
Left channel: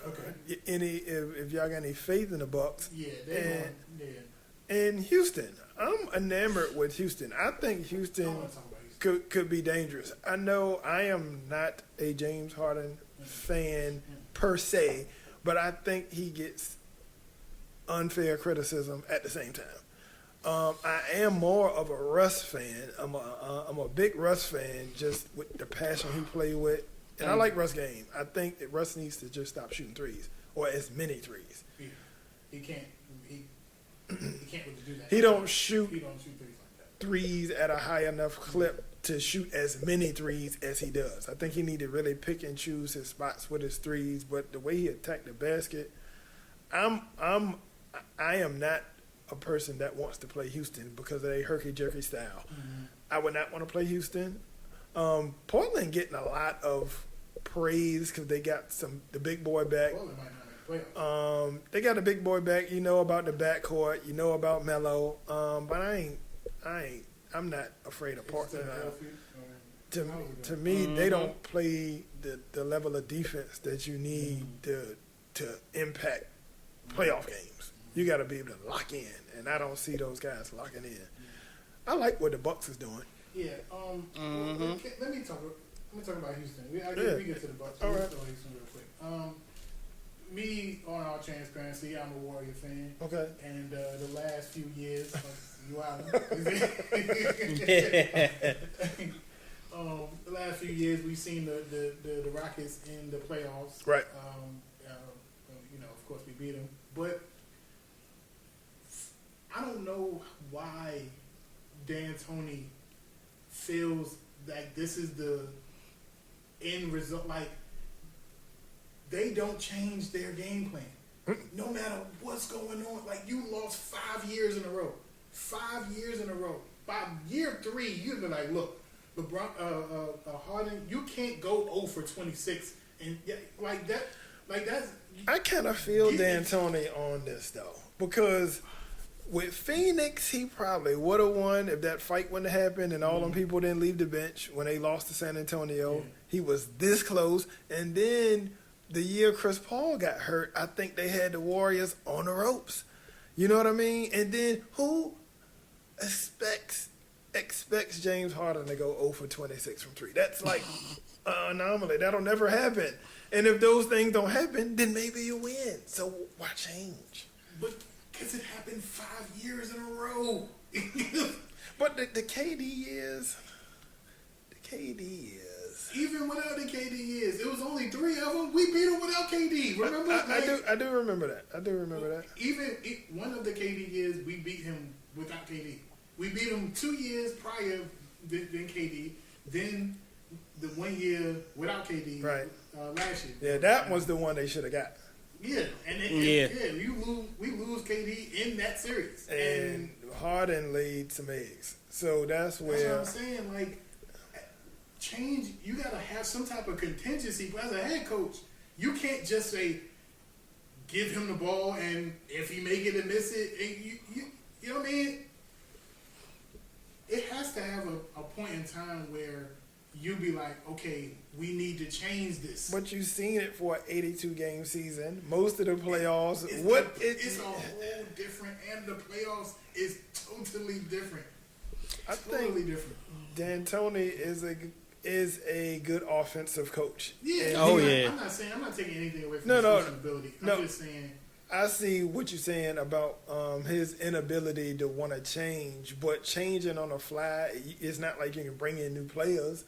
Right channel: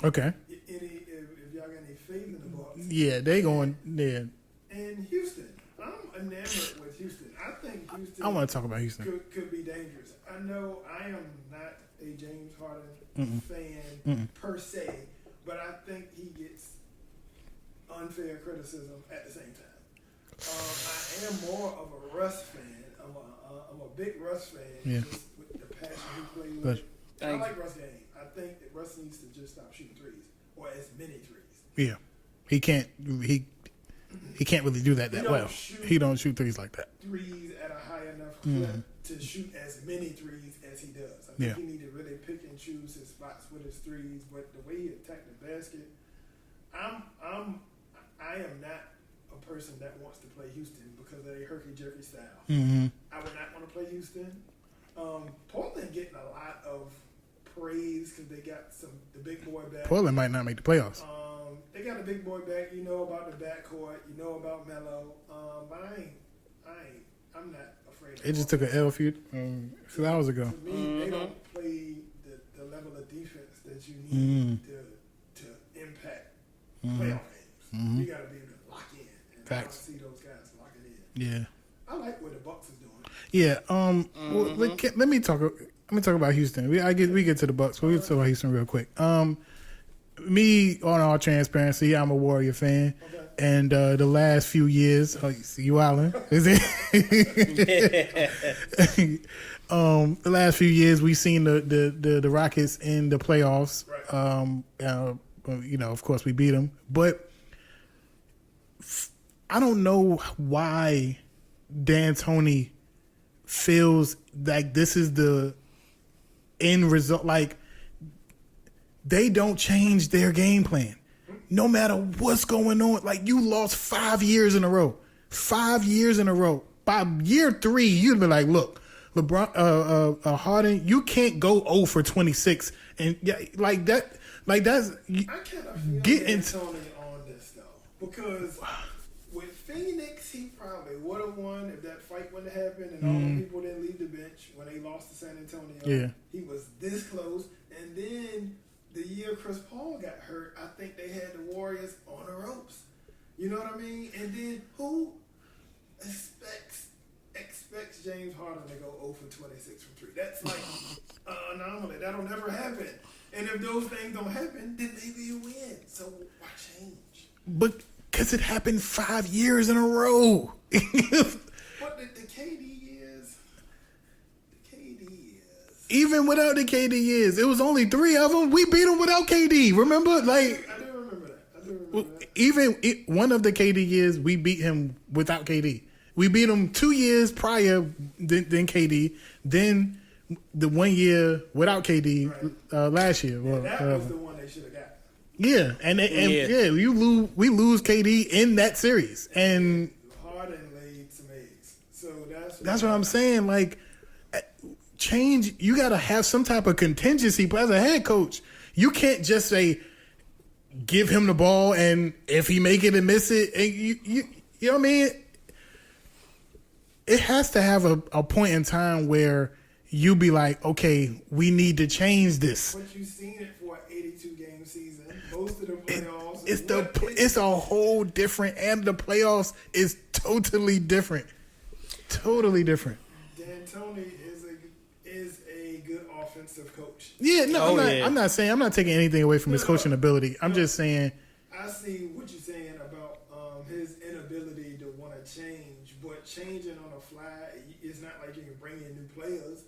Okay. If y'all got any faith in the Bucks? Yeah, they going. Yeah. And Houston, I'm enamored with Houston. I think Houston. I want to talk about Houston. Could be dangerous. I know I am not a James Harden fan per se, but I think he gets unfair criticism at the same time. I am more of a Russ fan. I'm a big Russ fan, just with the passion he played with. And I like Russ' game. I think that Russ needs to just stop shooting threes or as many threes. Yeah, he can't. He can't really do that. He don't shoot threes like that. Threes at a high enough clip to shoot as many threes as he does. I think he need to really pick and choose his spots with his threes. But the way he attacked the basket, I am not a person that wants to play Houston because of their herky-jerky style. I would not want to play Houston. Portland getting a lot of praise because they got the big boy back. Portland might not make the playoffs. They got a big boy back. You know about the backcourt. You know about Melo. But I'm not afraid of. It just took an L a few hours ago. To me, they don't play the level of defense that you need to impact playoff games. You got to be able to lock in, and I don't see those guys locking in. Yeah. I like what the Bucks is doing. Yeah. Well, let me talk about Houston. We get to the Bucks, but we talk about Houston real quick. Me, on all transparency, I'm a Warrior fan. Okay. And the last few years, you Allen, is it? The last few years, we've seen the Rockets in the playoffs. Right. Of course, we beat them, but I don't know why D'Antoni feels like this is the end result. Like, they don't change their game plan no matter what's going on. Like, you lost 5 years in a row. 5 years in a row. By year 3, you'd be like, look, LeBron, Harden, you can't go 0 for 26 and like that. Like, that's. I kind of feel D'Antoni on this though, because with Phoenix, he probably would have won if that fight wouldn't have happened and all them people didn't leave the bench when they lost to San Antonio. Yeah. He was this close. And then the year Chris Paul got hurt, I think they had the Warriors on the ropes. You know what I mean? And then who expects James Harden to go 0 for 26 from 3? That's like an anomaly. That'll never happen. And if those things don't happen, then maybe you win. So why change? But because it happened 5 years in a row. But the KD years. Even without the KD years, it was only 3 of them. We beat them without KD. Remember? I do remember that. Even one of the KD years, we beat him without KD. We beat him 2 years prior than KD. Then the 1 year without KD last year. Yeah, that was the one they should have got. Yeah, and we lose KD in that series, and Harden laid some eggs. So that's what I'm saying. Like, change. You got to have some type of contingency. But as a head coach, you can't just say give him the ball, and if he make it and miss it, and you know what I mean. It has to have a point in time where you be like, okay, we need to change this. But you've seen it for an 82-game season. Most of the playoffs. It's a whole different, and the playoffs is totally different. totally different. D'Antoni is a good offensive coach. Yeah, no, I'm not saying I'm not taking anything away from his coaching ability. I'm just saying I see what you're saying about his inability to want to change, but changing on the fly, it's not like you can bring in new players.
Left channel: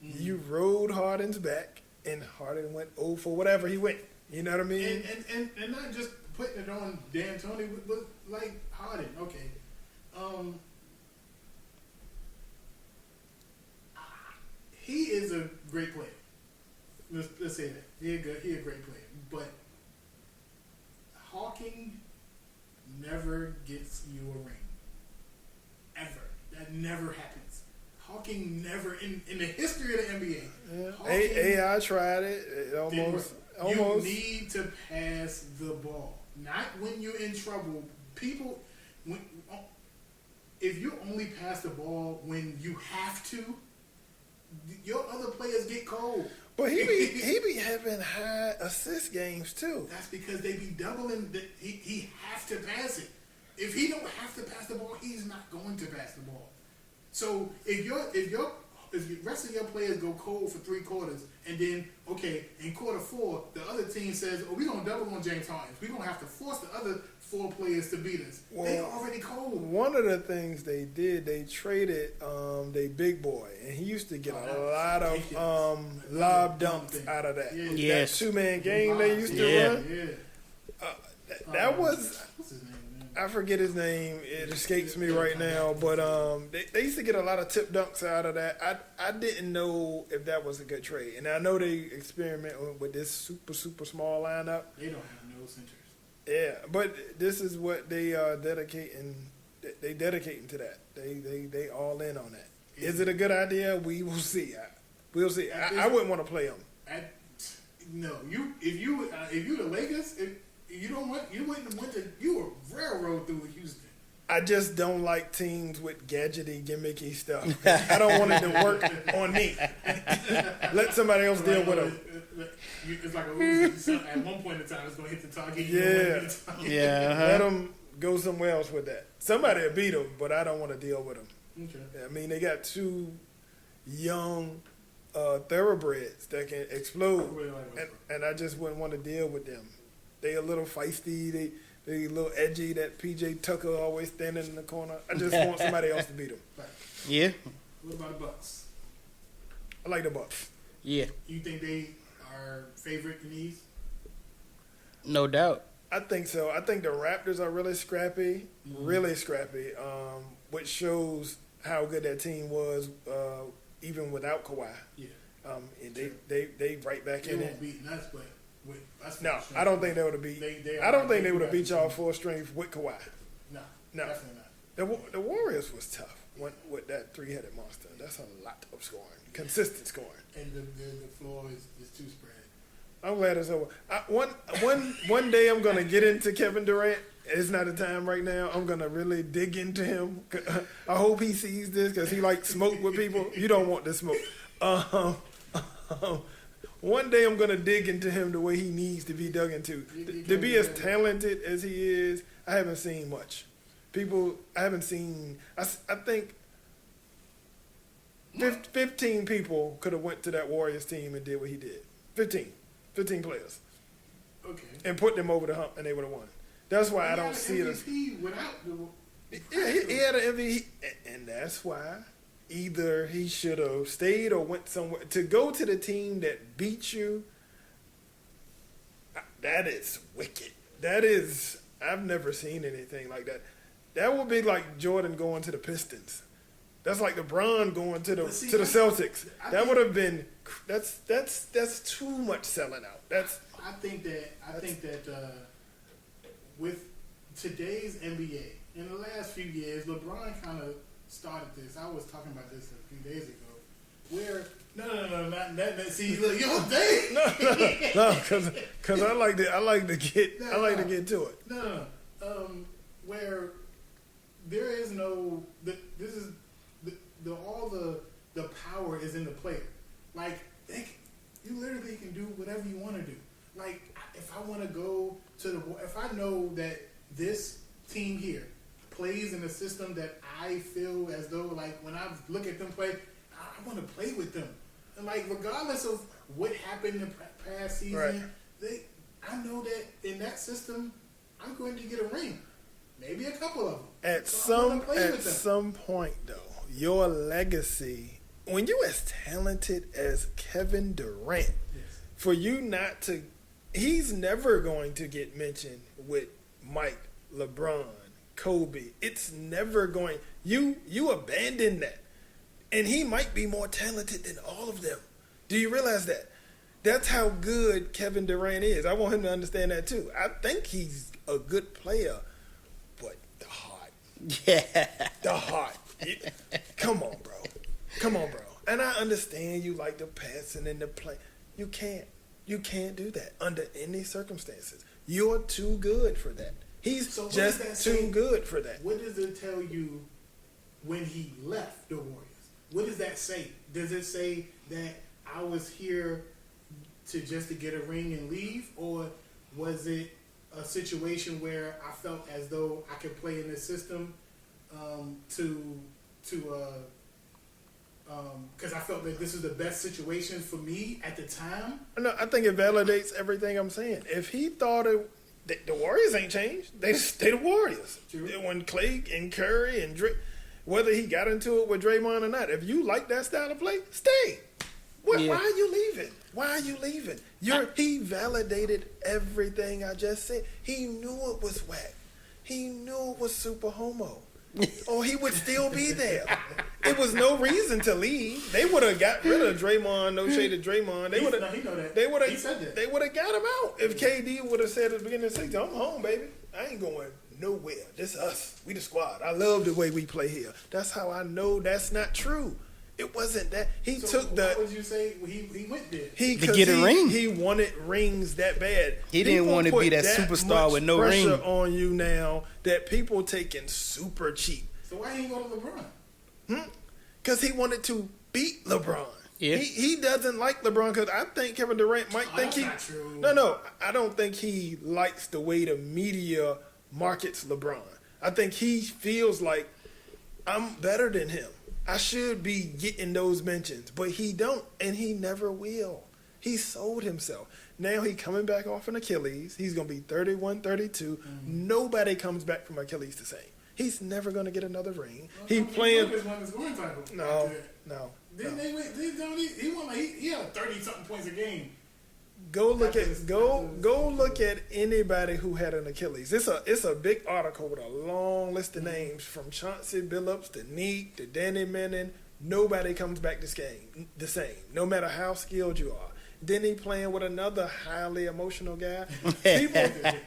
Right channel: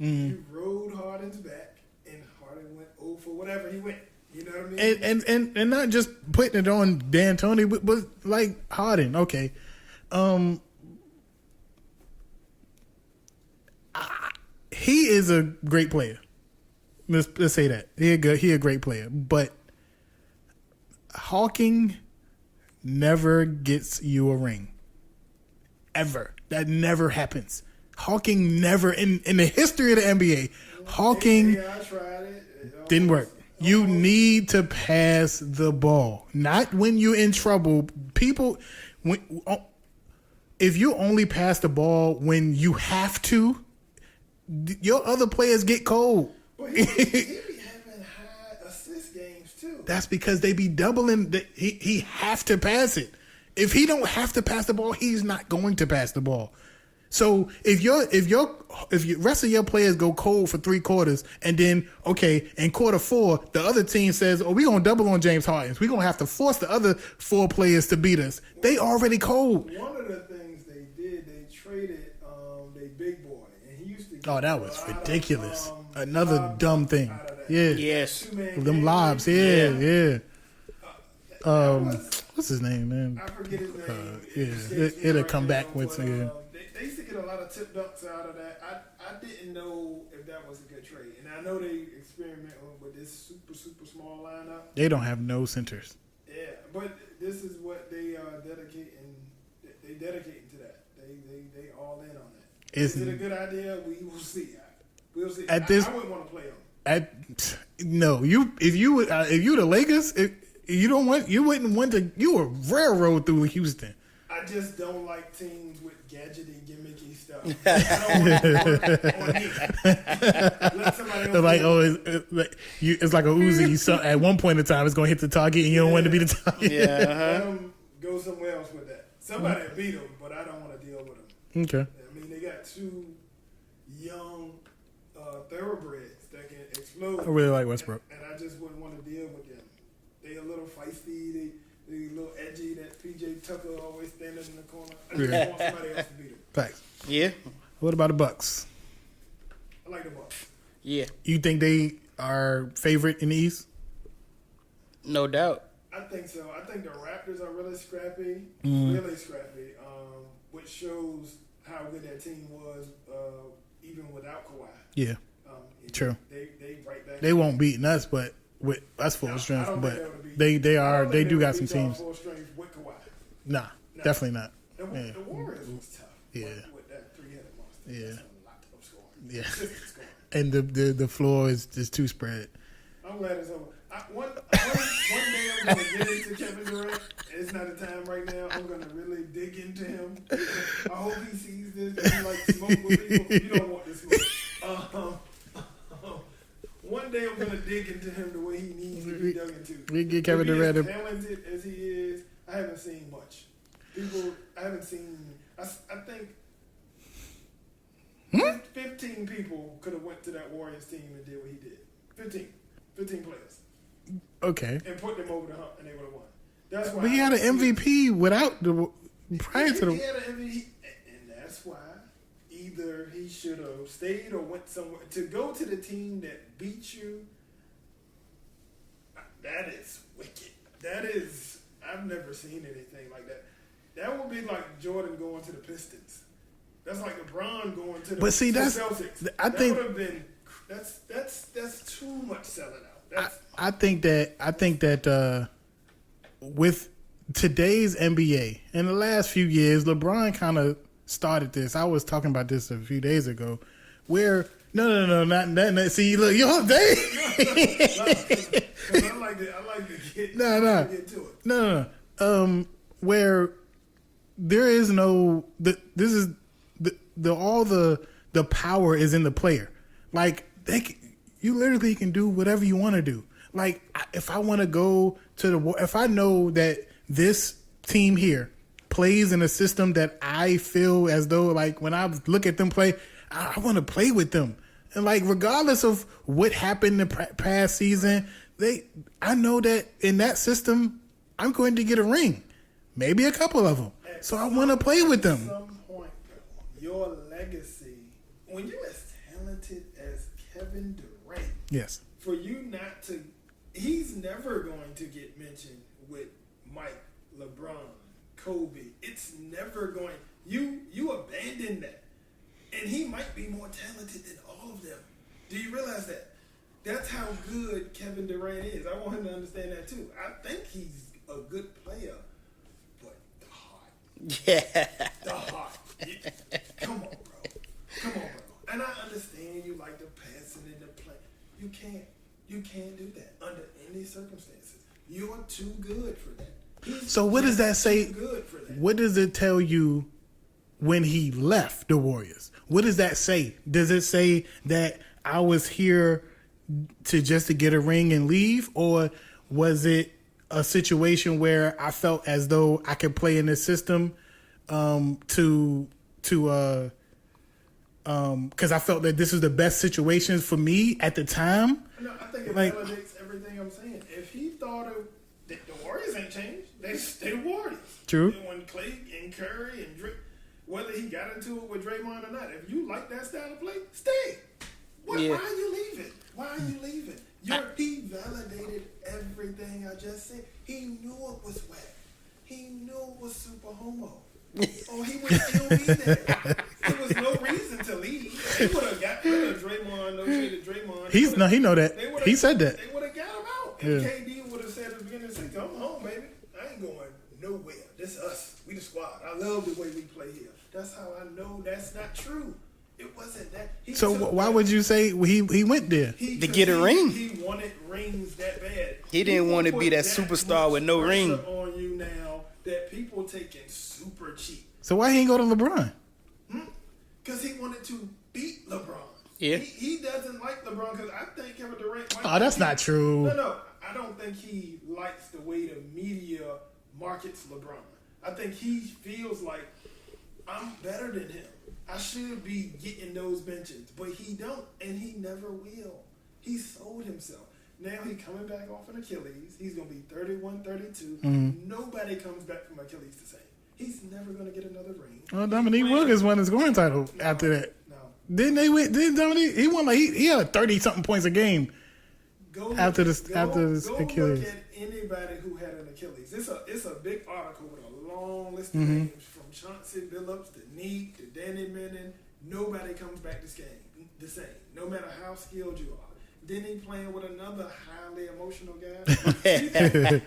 Mm-hmm. You rode Harden's back, and Harden went 0 for whatever he went. You know what I mean? And not just putting it on D'Antoni, but like Harden. Okay, he is a great player. Let's say that he a great player, but Hawking never gets you a ring. Ever. That never happens. Hawking never in the history of the NBA. Hawking I tried it. Didn't work. You need to pass the ball, not when you're in trouble. People, if you only pass the ball when you have to, your other players get cold. But he be having high assist games too. That's because they be doubling. He have to pass it. If he don't have to pass the ball, he's not going to pass the ball. So if the rest of your players go cold for 3 quarters, and then in quarter 4 the other team says, "Oh, we gonna double on James Harden. We gonna have to force the other 4 players to beat us." They already cold. One of the things they did, they traded they big boy, and he used to get that was ridiculous. Another dumb thing out of that. Yeah, yes, 2-man them game. lobs. Yeah. That was what's his name, man? I forget his name. It escapes me right now. But they used to get a lot of tip dunks out of that. I didn't know if that was a good trade, and I know they experiment with this super small lineup. They don't have no centers. Yeah, but this is what they are dedicating. They dedicating to that. They all in on that. Is it a good idea? We will see. We'll see. I wouldn't want to play them. No, if you the Lakers. You wouldn't want to. You would railroad through Houston. I just don't like teams with gadgety, gimmicky stuff. I don't want it to work on me. Let somebody else do it. It's like a Uzi. So at one point in time, it's going to hit the target, and you don't want to be the target. Yeah, let them go somewhere else with that. Somebody will beat them, but I don't want to deal with them. Okay. I mean, they got 2 young thoroughbreds that can explode. I really like Westbrook, and I just wouldn't want to deal with them. They a little feisty. They a little edgy. That PJ Tucker always standing in the corner. I just want somebody else to beat them. Right. Yeah. What about the Bucks? I like the Bucks. Yeah. You think they are favorite in the East? No doubt. I think so. I think the Raptors are really scrappy, which shows how good that team was even without Kawhi. Yeah. True. They right back. They won't beat us, but. That's full strength. I don't think they would have beat. They are. I don't think they do got some beat y'all teams. full strength with Kawhi. Nah, definitely not. The Warriors was tough with that 3-headed monster. Yeah. That's a lot of scoring, consistent scoring. And the floor is too spread. I'm glad it's over. One day I'm gonna get into Kevin Durant. It's not the time right now. I'm gonna really dig into him. I hope he sees this because he likes smoke with people. You don't want the smoke. One day I'm gonna dig into him the way he needs to be dug into. To be as talented as he is, I haven't seen much. I think 15 people could have went to that Warriors team and did what he did. 15 players. Okay. And put them over the hump, and they would have won. That's why he had an MVP without the prior to the. He had an MVP, and that's why. Either he should have stayed or went somewhere. To go to the team that beat you, that is wicked. That is, I've never seen anything like that. That would be like Jordan going to the Pistons. That's like LeBron going to the Celtics. That would have been, that's too much selling out. I think that with today's NBA, in the last few years, LeBron kind of started this. I was talking about this a few days ago. Where not see, look, your day. Because I like to get to it. No. Where there is no this is all the power is in the player. Like you literally can do whatever you want to do. Like if I want to go to if I know that this team here plays in a system that I feel as though, like, when I look at them play, I want to play with them. And, like, regardless of what happened in the past season, I know that in that system, I'm going to get a ring. Maybe a couple of them. I want to play with them. At some point, though, your legacy, when you're as talented as Kevin Durant, yes, for you not to, he's never going to get mentioned with Mike, LeBron, Kobe. It's never going. You abandon that, and he might be more talented than all of them. Do you realize that? That's how good Kevin Durant is. I want him to understand that too. I think he's a good player, but the heart. Yeah. The heart. Come on, bro. And I understand you like the passing and the play. You can't do that under any circumstances. You're too good for that. So what does that say? Too good for that. What does it tell you when he left the Warriors? What does that say? Does it say that I was here to get a ring and leave, or was it a situation where I felt as though I could play in this system because I felt that this was the best situation for me at the time? No, I think it validates everything I'm saying. If he thought the Warriors ain't changed, they stay the Warriors. True. When Clay and Curry and Drake, whether he got into it with Draymond or not, if you like that style of play, stay. Why are you leaving? Why are you leaving? He validated everything I just said. He knew it was whack. He knew it was super homo. Or he would still be there. There was no reason to leave. They would have got rid of Draymond, no shade of Draymond. He know that. He said that. They would have got him out. If KD would have said at the beginning of the season, I'm home, baby. I ain't going nowhere. This us. We the squad. I love the way we play here. That's how I know that's not true. It wasn't that. Why would you say he went there? To get a ring. He wanted rings that bad. He didn't want to be that superstar with no ring. On you now that people taking super cheap. So why he ain't go to LeBron? Because he wanted to beat LeBron. Yeah. He doesn't like LeBron because I think Kevin Durant might. Oh, that's not true. No. I don't think he likes the way the media markets LeBron. I think he feels like I'm better than him. I should be getting those mentions, but he don't, and he never will. He sold himself. Now he coming back off an Achilles. He's going to be 31, 32. Nobody comes back from Achilles the same. He's never going to get another ring. Well, Dominique Wilkins won his scoring title after that. No. Didn't Dominique? He won he had 30-something points a game. Go look at anybody who had an Achilles. It's a big article with a long list of names from Chauncey Billups to Neek to Danny Menon. Nobody comes back the same, no matter how skilled you are. Then he playing with another highly emotional guy.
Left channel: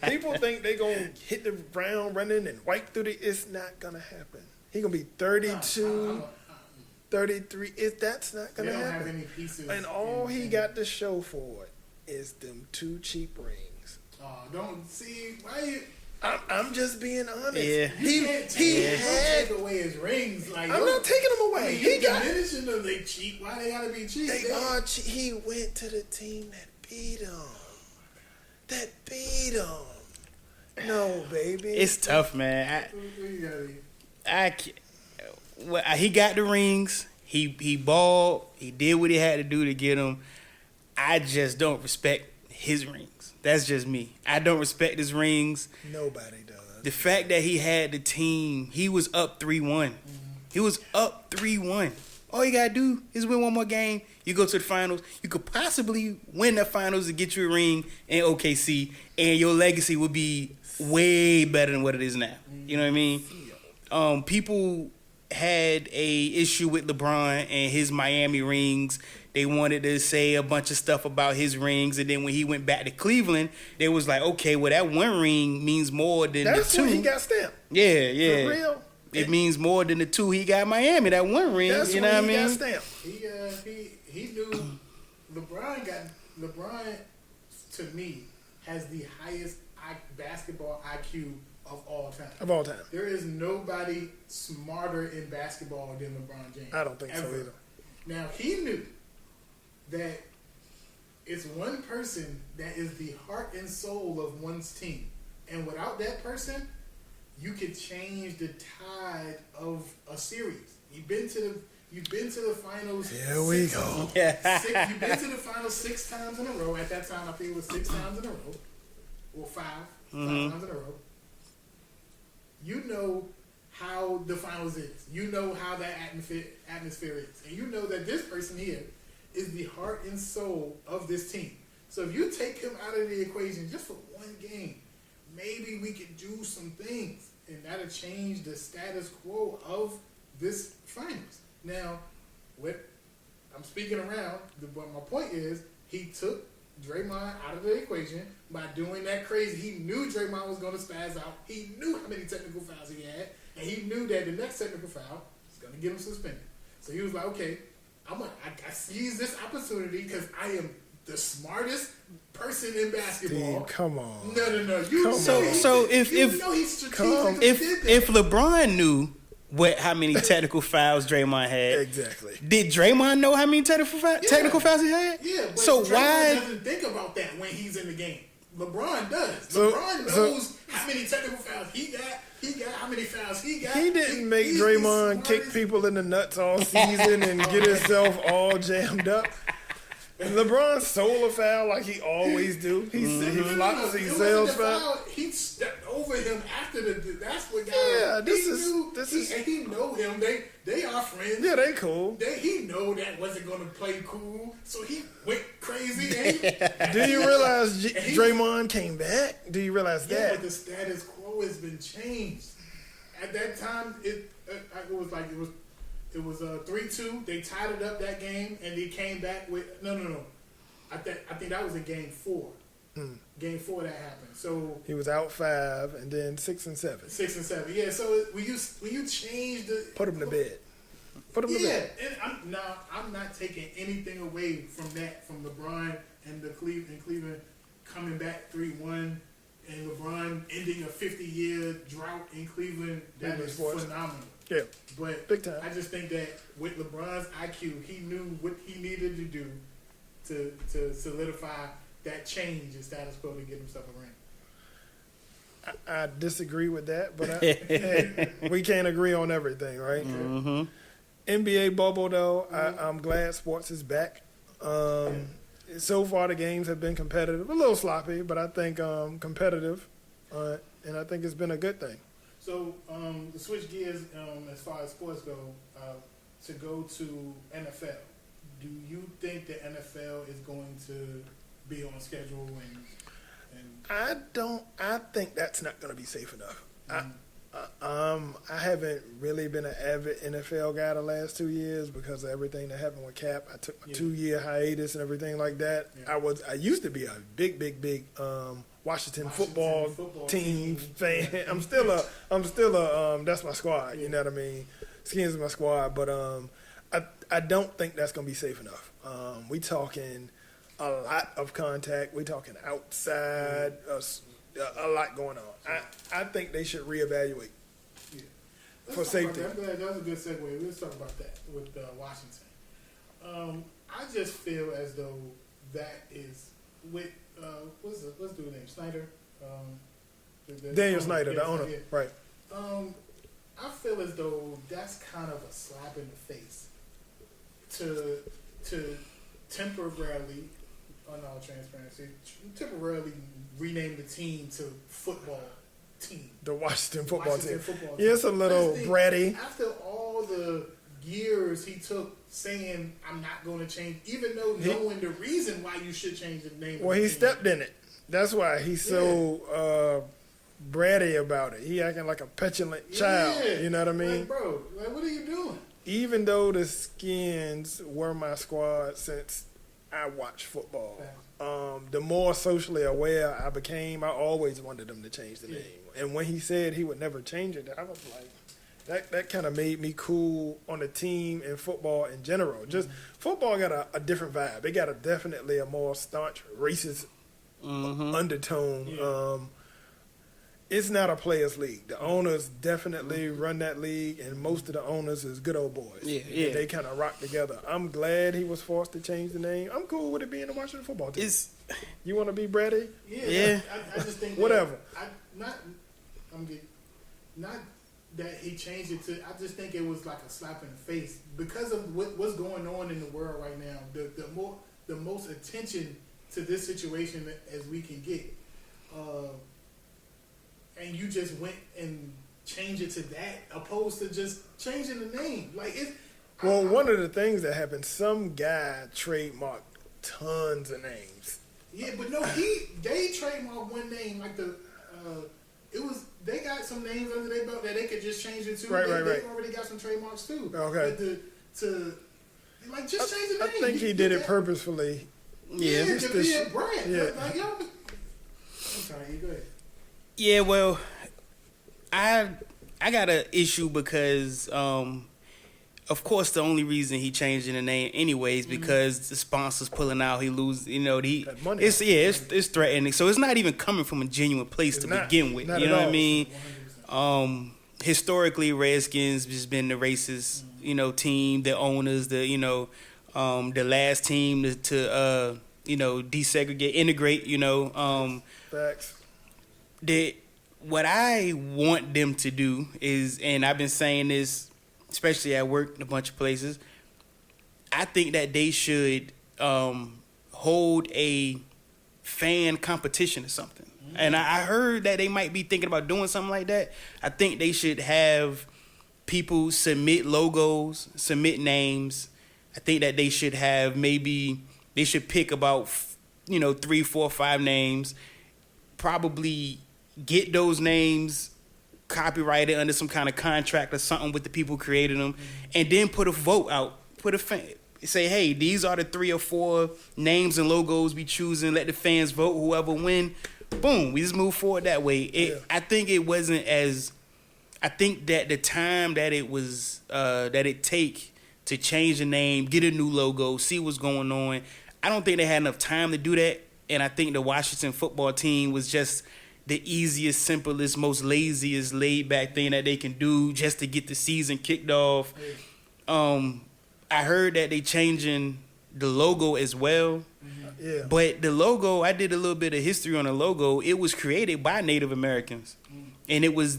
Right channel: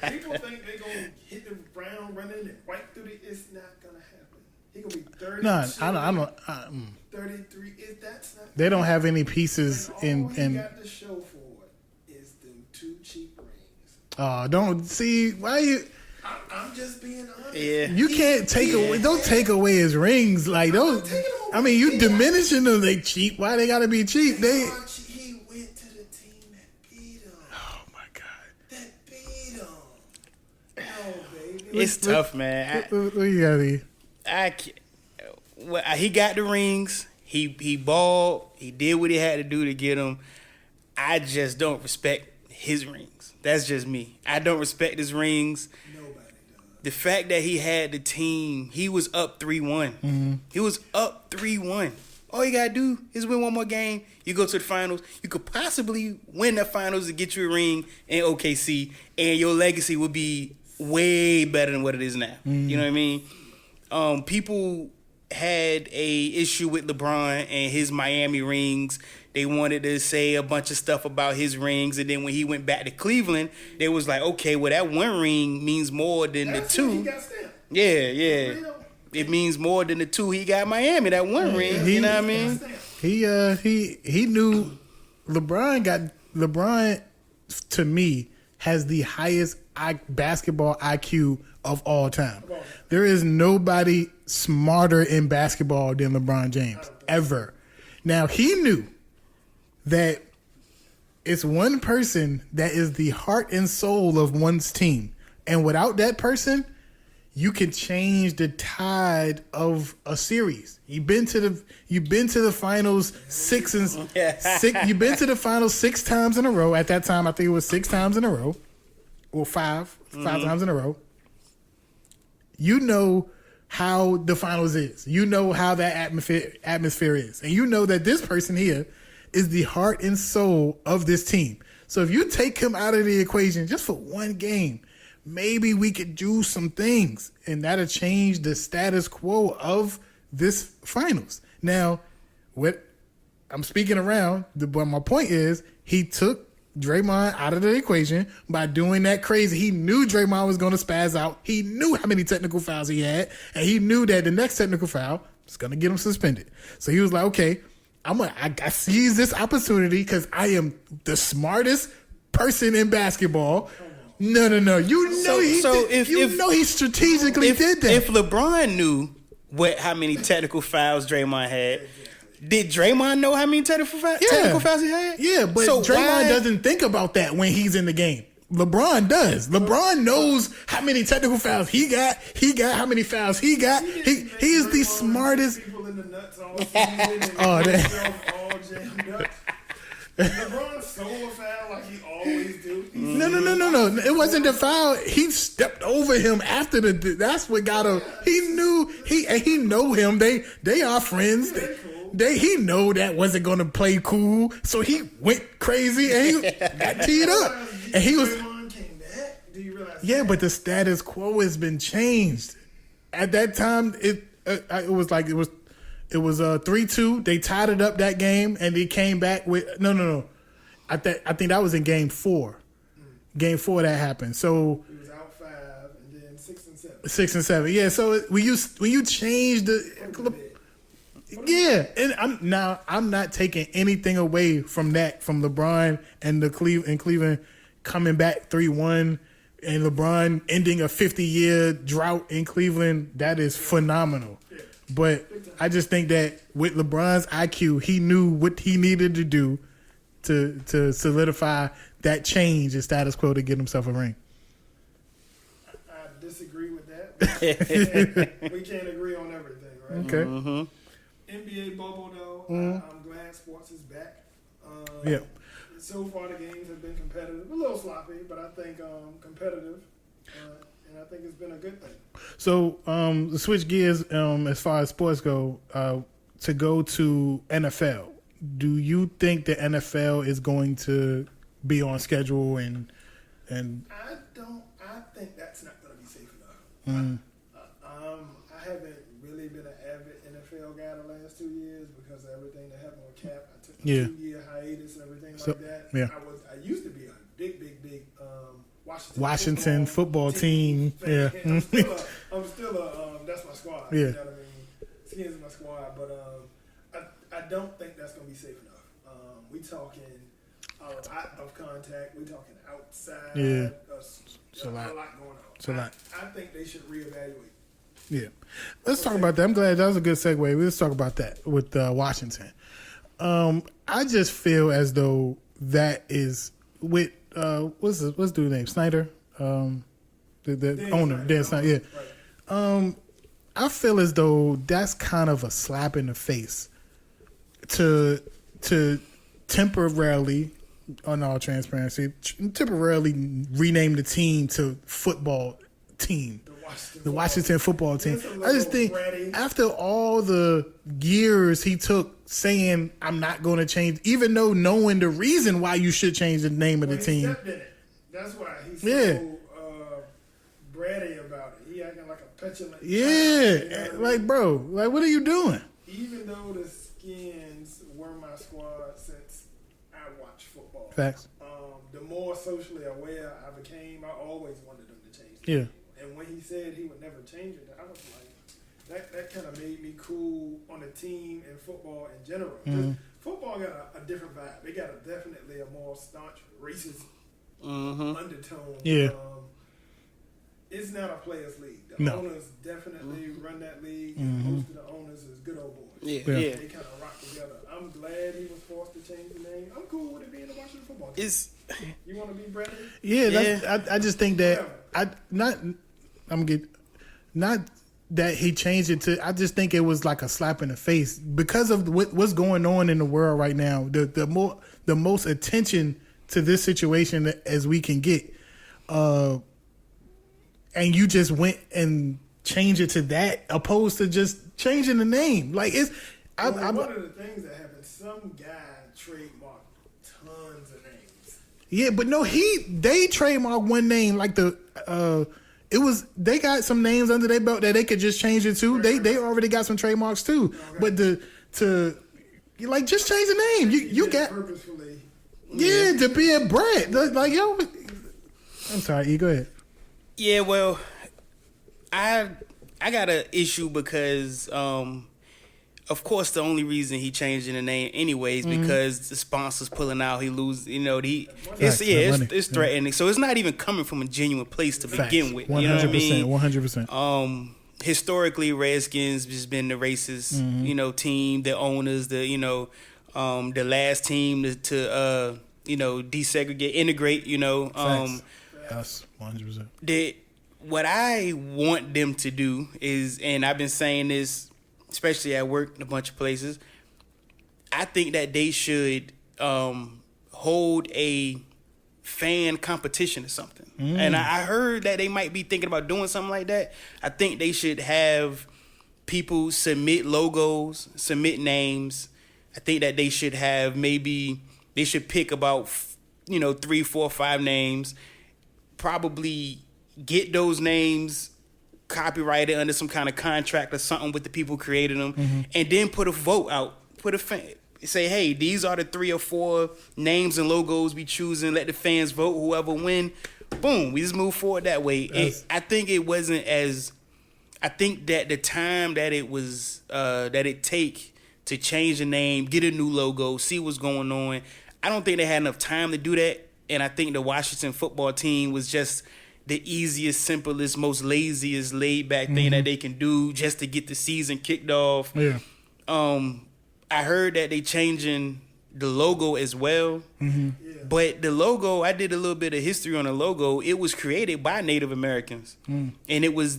People think they gonna hit the ground running and wipe through it's not gonna happen. He gonna be 32, 33. That's not gonna They don't happen. have any pieces. And all he got to show for it is them 2 cheap rings. Don't see why you. I'm just being honest. Yeah. You can't take away. Don't take away his rings. Like, I'm not taking them away. I mean, you diminishing them. They cheap. Why they gotta be cheap? They are cheap. He went to the team that beat him. Oh my god. That beat him. No, baby. It's tough, man. What you gotta be? He got the rings. He balled. He did what he had to do to get them. I just don't respect his rings. That's just me. I don't respect his rings. Nobody does. The fact that he had the team, he was up 3-1. He was up 3-1. All you gotta do is win one more game. You go to the finals. You could possibly win the finals to get you a ring in OKC, and your legacy would be way better than what it is now. You know what I mean? People had a issue with LeBron and his Miami rings. They wanted to say a bunch of stuff about his rings, and then when he went back to Cleveland, they was like, okay, well, that one ring means more than That's the 2. He got stamped. Yeah. For real? It means more than the 2 he got in Miami. That one ring, That's you know what I he got mean? stamped. He knew LeBron to me has the highest basketball IQ of all time. There is nobody smarter in basketball than LeBron James. I don't think ever. Now he knew that it's one person that is the heart and soul of one's team, and without that person, you can change the tide of a series. You've been to the finals six. You've been to the finals 6 times in a row. At that time, I think it was 6 times in a row, or five times in a row. You know how the finals is. You know how that atmosphere is, and you know that this person here is the heart and soul of this team. So if you take him out of the equation just for one game, maybe we could do some things, and that'll change the status quo of this finals. Now, what I'm speaking around, but my point is, he took Draymond out of the equation by doing that crazy. He knew Draymond was going to spaz out. He knew how many technical fouls he had, and he knew that the next technical foul was going to get him suspended. So he was like, okay, I seize this opportunity because I am the smartest person in basketball. Dude, come on. No. You know he strategically did that. If LeBron knew how many technical fouls Draymond had, Exactly. Did Draymond know how many technical fouls he had? Yeah, but so Draymond doesn't think about that when he's in the game. LeBron does. LeBron knows how many technical fouls he got. He got how many fouls he got. He didn't make he's Draymond the smartest. kick people in the nuts all season and get himself all jammed up. LeBron stole a foul like he always do. No. It wasn't the foul. He stepped over him after the. That's what got him. He know him. They are friends. Yeah, they cool. He know that wasn't gonna play cool, so he went crazy and he Did you realize Draymond came back? Do you realize that? Yeah, but the status quo has been changed. At that time, it was 3-2. They tied it up that game, and they came back with no. I think that was in game 4. Game 4 that happened. So he was out 5, and then 6 and 7. 6 and 7. Yeah. So when you change the put him to bed. And I'm not taking anything away from that, from LeBron and Cleveland coming back 3-1. And LeBron ending a 50-year drought in Cleveland, that is phenomenal. Yeah. But I just think that with LeBron's IQ, he knew what he needed to do to solidify that change in status quo to get himself a ring. I disagree with that, but we can't agree on everything, right? Okay. Mm-hmm. NBA bubble, though, I'm glad sports is back. So far, the games have been competitive. A little sloppy, but I think competitive. And I think it's been a good thing. So, to switch gears as far as sports go, to go to NFL, do you think the NFL is going to be on schedule and I think that's not going to be safe enough. I haven't really been an avid NFL guy the last 2 years because of everything that happened with Cap. I took a 2-year hiatus and everything like that. Yeah. I used to be a big Washington football team fan. Yeah. I'm still a that's my squad. Yeah. You know what I mean? Skins is my squad, but I don't think that's going to be safe enough. We talking a lot of contact. We talking outside. A lot going on. I think they should reevaluate. Yeah. Let's talk about that. I'm glad that was a good segue. Let's talk about that with Washington. I just feel as though that is with what's dude's name? Snyder? Daniel Snyder. Yeah. Right. I feel as though that's kind of a slap in the face to temporarily, on all transparency, temporarily rename the team to football team. The Washington football team. It's a little bratty. After all the years he took saying, I'm not going to change, even though knowing the reason why you should change the name of the team. He stepped in it. That's why he's so bratty about it. He acting like a petulant child. You know what I mean? Like, bro, what are you doing? Even though the Skins were my squad since I watched football. Facts. The more socially aware I became, I always wanted them to change the name. And when he said he would never change it, I was like, that kind of made me cool on the team and football in general. Just football got a different vibe. It got definitely a more staunch racist undertone. Yeah. It's not a players' league. The owners definitely run that league, and most of the owners is good old boys. Yeah. They kind of rock together. I'm glad he was forced to change the name. I'm cool with it being the Washington football team. You want to be Brady? Yeah. I just think that whatever. not that he changed it to. I just think it was like a slap in the face because of what's going on in the world right now. The most attention to this situation as we can get, and you just went and changed it to that, opposed to just changing the name. Like it's. One of the things that happened, some guy trademarked tons of names. Yeah, but no, they trademarked one name like they got some names under their belt that they could just change it to. They already got some trademarks too. Okay. But to just change the name. He did it purposefully. Yeah, to be a brand. Yeah. Like yo, I'm sorry, E, go ahead. Yeah, well, I got an issue because of course, the only reason he changed the name anyways because the sponsors pulling out, he lose. You know, it's threatening. So it's not even coming from a genuine place to begin with. You know what I mean? 100%. Historically, Redskins has been the racist, team, the owners, the last team to desegregate, integrate. That's 100%. What I want them to do is, and I've been saying this, especially at work in a bunch of places, I think that they should hold a fan competition or something. And I heard that they might be thinking about doing something like that. I think they should have people submit logos, submit names. I think that they should have they should pick about 3, 4, 5 names, probably get those names copyrighted under some kind of contract or something with the people creating them, and then put a vote out. Say, hey, these are the 3 or 4 names and logos we choosing. Let the fans vote. Whoever win, boom, we just move forward that way. I think it wasn't as. I think that the time that it was that it take to change the name, get a new logo, see what's going on. I don't think they had enough time to do that, and I think the Washington football team was just the easiest, simplest, most laziest, laid-back thing that they can do just to get the season kicked off. Yeah. I heard that they changing the logo as well. Yeah. But the logo, I did a little bit of history on the logo. It was created by Native Americans, and it was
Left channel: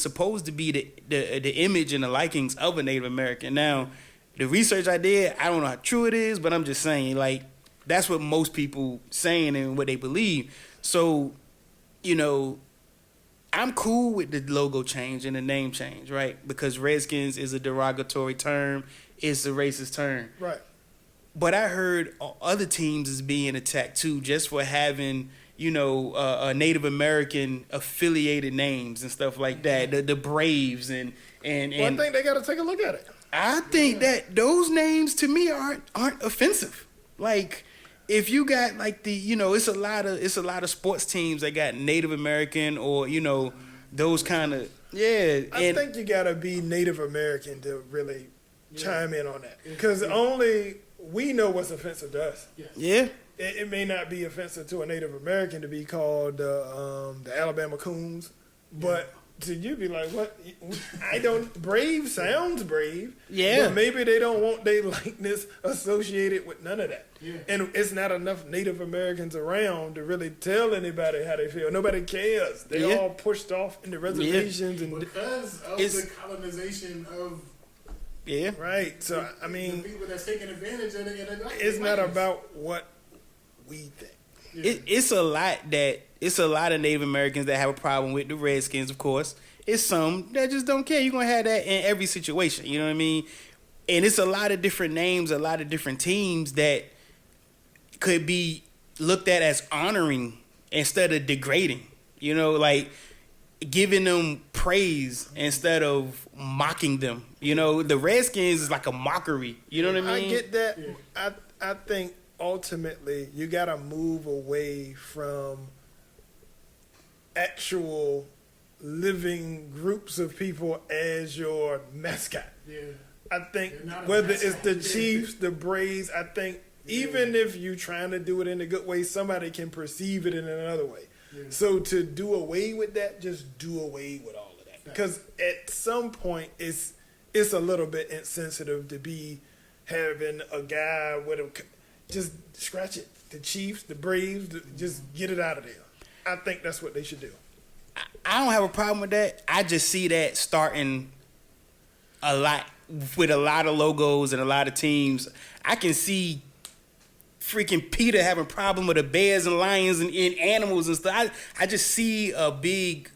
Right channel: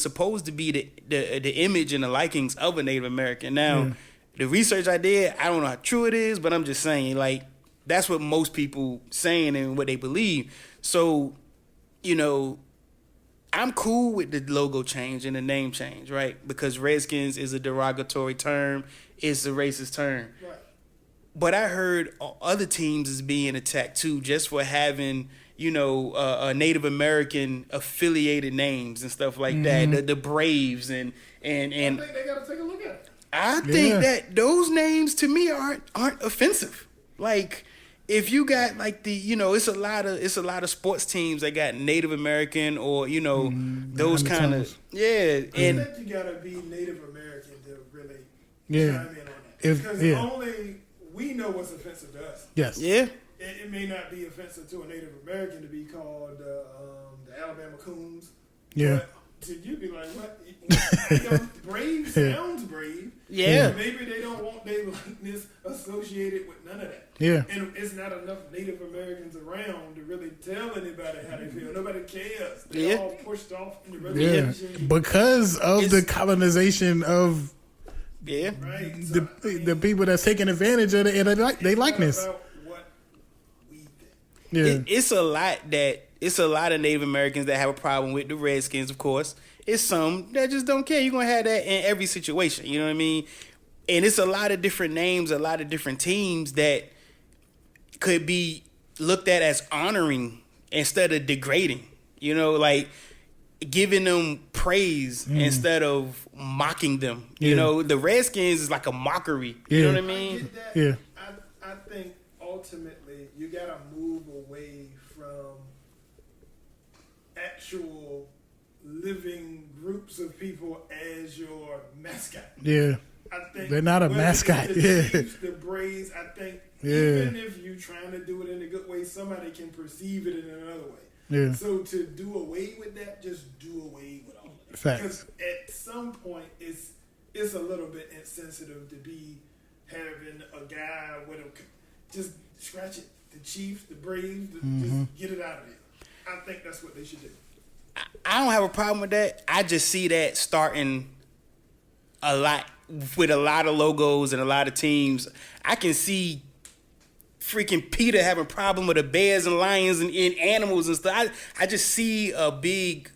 supposed to be the image and the likings of a Native American. Now, the research I did, I don't know how true it is, but I'm just saying, like, that's what most people saying and what they believe. So, I'm cool with the logo change and the name change, right? Because Redskins is a derogatory term. It's a racist term. Right. But I heard other teams is being attacked too, just for having, a Native American affiliated names and stuff like that. The Braves and I think they got to take a look at it. I think that those names to me aren't offensive. Like, if you got like it's a lot of sports teams that got Native American or those kind of I think you gotta be Native American to really chime in on that because only we know what's offensive to us. Yes. Yeah. It may not be offensive to a Native American to be called the Alabama Coons, but to you be like, what? Brave sounds brave. Yeah. Maybe they don't want their likeness associated with none of that. Yeah. And it's not enough Native Americans around to really tell anybody how they feel. Nobody cares. They're all pushed off in the reservations. Because of the colonization of... Yeah. Right. So, the people that's taking advantage of it, and they likeness. It's not about what we think. Yeah. It's a lot of Native Americans that have a problem with the Redskins, of course. It's some that just don't care. You're going to have that in every situation. You know what I mean? And it's a lot of different names, a lot of different teams that could be looked at as honoring instead of degrading. Like giving them praise instead of mocking them. The Redskins is like a mockery. You know what I mean? I get that. Yeah. I think ultimately you got to move away from actual living groups of people as your mascot. Yeah. I think they're not a mascot. It's the Chiefs, the Braves, I think even if you're trying to do it in a good way, somebody can perceive it in another way. Yeah. So to do away with that, just do away with all of that. Because at some point it's a little bit insensitive to be having a guy with just scratch it. The Chiefs, the Braves, just get it out of there. I think that's what they should do. I don't have a problem with that. I just see that starting a lot with a lot of logos and a lot of teams. I can see freaking Peter having a problem with the bears and lions and animals and stuff. I just see a big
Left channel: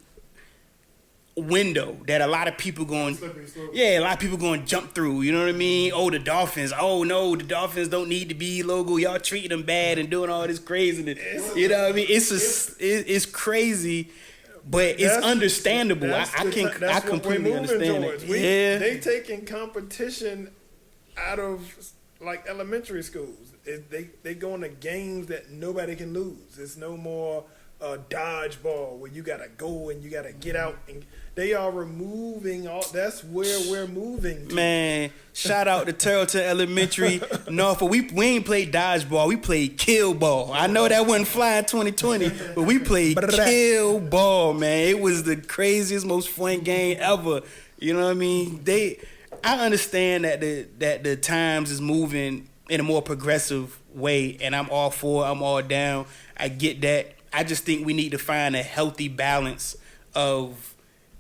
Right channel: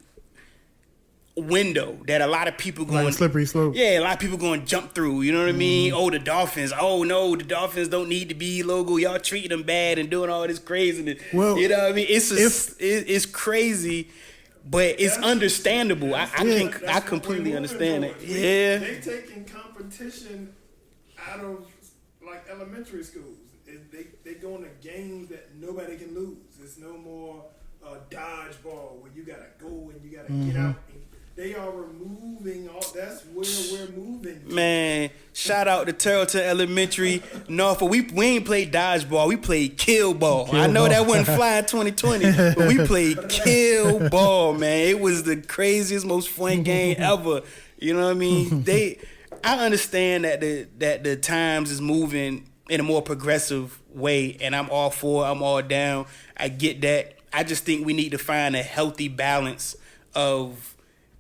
window that a lot of people going like slippery slope. Yeah, a lot of people going to jump through. You know what I mean? Oh, the Dolphins. Oh no, the Dolphins don't need to be logo. Y'all treating them bad and doing all this craziness. Well, you know what I mean? It's crazy, but it's understandable. I completely understand it. Yeah, they taking competition out of like elementary schools. They going to games that nobody can lose. It's no more dodgeball where you gotta go and you gotta get out. And they are removing all. That's where we're moving to. Man, shout out to Terrellton Elementary. Norfolk. We ain't played dodgeball. We played kill ball. I know that wasn't fly in 2020, but we played kill ball, man. It was the craziest, most fun game ever. You know what I mean? I understand that the times is moving in a more progressive way, and I'm all for it. I'm all down. I get that. I just think we need to find a healthy balance of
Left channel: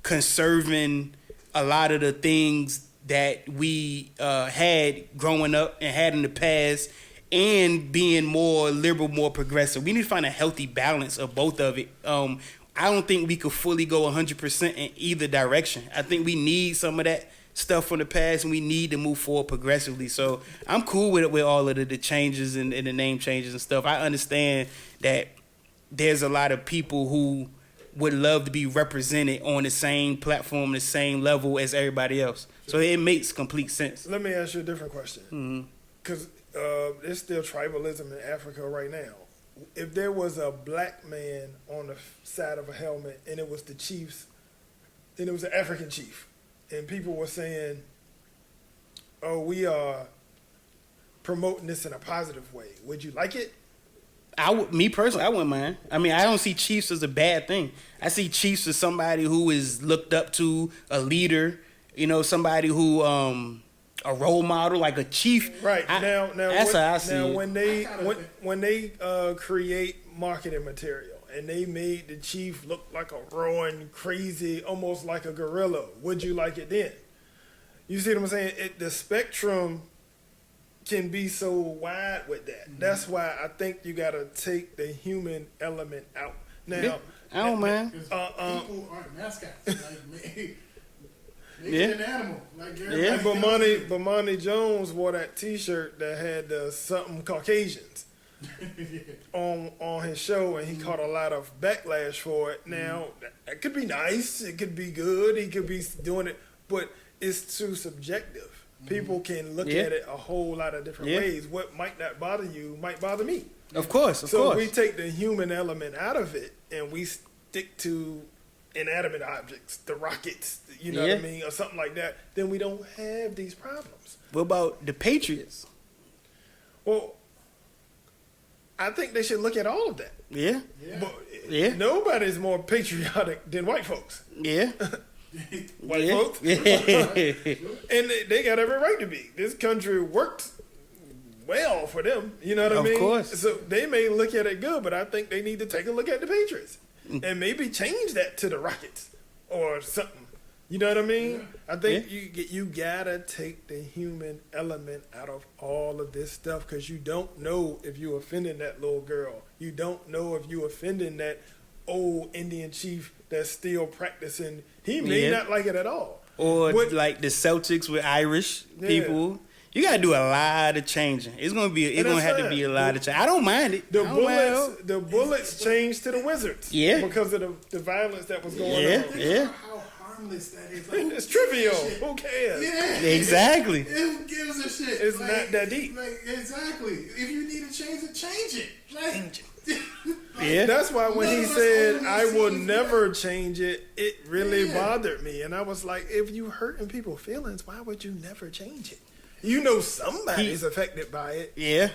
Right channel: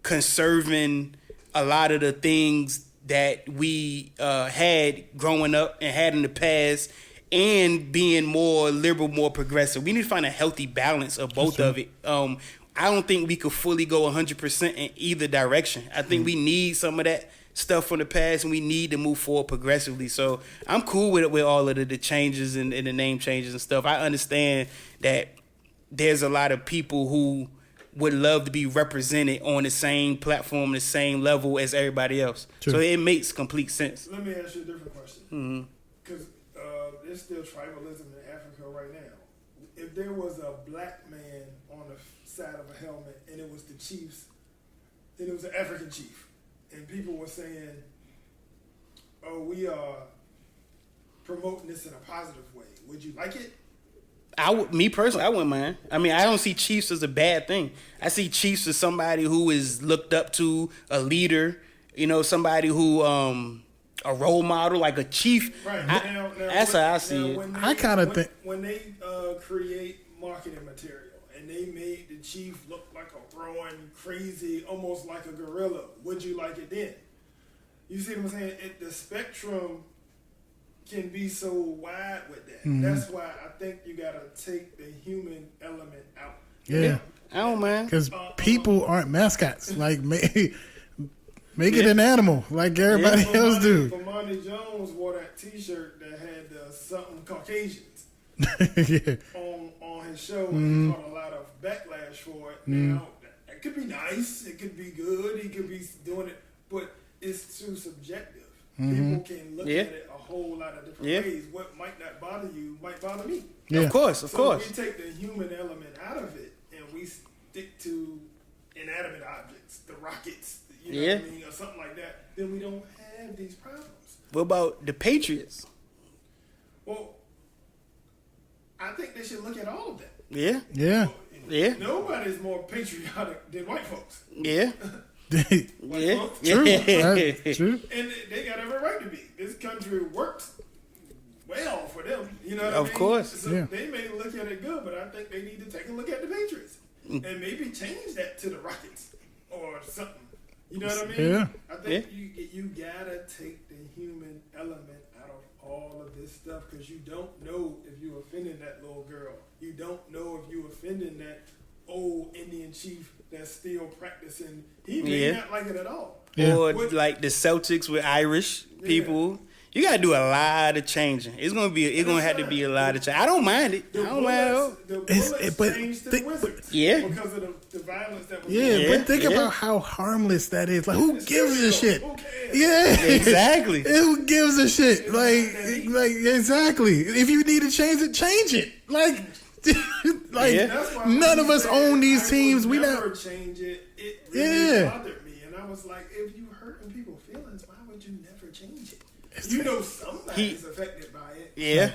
conserving a lot of the things that we had growing up and had in the past, and being more liberal, more progressive. We need to find a healthy balance of both of it. I don't think we could fully go 100% in either direction. I think we need some of that stuff from the past, and we need to move forward progressively. So I'm cool with all of the changes and the name changes and stuff. I understand that there's a lot of people who would love to be represented on the same platform, the same level as everybody else. True. So it makes complete sense. Let me ask you a different question. Because there's still tribalism in Africa right now. If there was a black man on the side of a helmet and it was the chiefs, then it was an African chief, and people were saying, oh, we are promoting this in a positive way. Would you like it? Me personally, I wouldn't mind. I mean, I don't see chiefs as a bad thing. I see chiefs as somebody who is looked up to, a leader, somebody who, a role model, like a chief. Right. That's how I see it. When they create marketing material and they made the chief look like a roaring, crazy, almost like a gorilla, would you like it then? You see what I'm saying? The spectrum can be so wide with that. That's why I think you got to take the human element out. Now, I don't mind. Because people aren't mascots. Like, make it an animal like everybody else do. Bomani Jones wore that T-shirt that had something Caucasians on his show, and he caught a lot of backlash for it. Now, it could be nice. It could be good. He could be doing it. But it's too subjective. People can look at it a whole lot of different ways. What might not bother you might bother me. Of course. So we take the human element out of it and we stick to inanimate objects, the rockets, what I mean, or something like that. Then we don't have these problems. What about the Patriots? Well, I think they should look at all of that. Yeah. Nobody's more patriotic than white folks. Yeah. White folks. True. And they got every right to be. This country worked well for them. You know what I mean? Of course. So they may look at it good, but I think they need to take a look at the Patriots and maybe change that to the Rockets or something. You know what I mean? Yeah. I think you gotta take the human element out of all of this stuff, because you don't know if you offending that little girl. You don't know if you offending that old Indian chief that's still practicing. He may not like it at all. Or like the Celtics with Irish people. You gotta do a lot of changing. It's gonna have to be a lot of change. I don't mind it. The Bullets changed to the Wizards. Because of the violence that was going on. But think about how harmless that is. Like, who gives a shit? Who cares? Yeah, exactly. Who gives a shit? It's not that deep. Exactly. If you need to change it, change it. That's why none of us own these teams. I would never change it. It really bothered me, and I was like, if you hurting people's feelings, why would you never change it? You know somebody's affected by it. You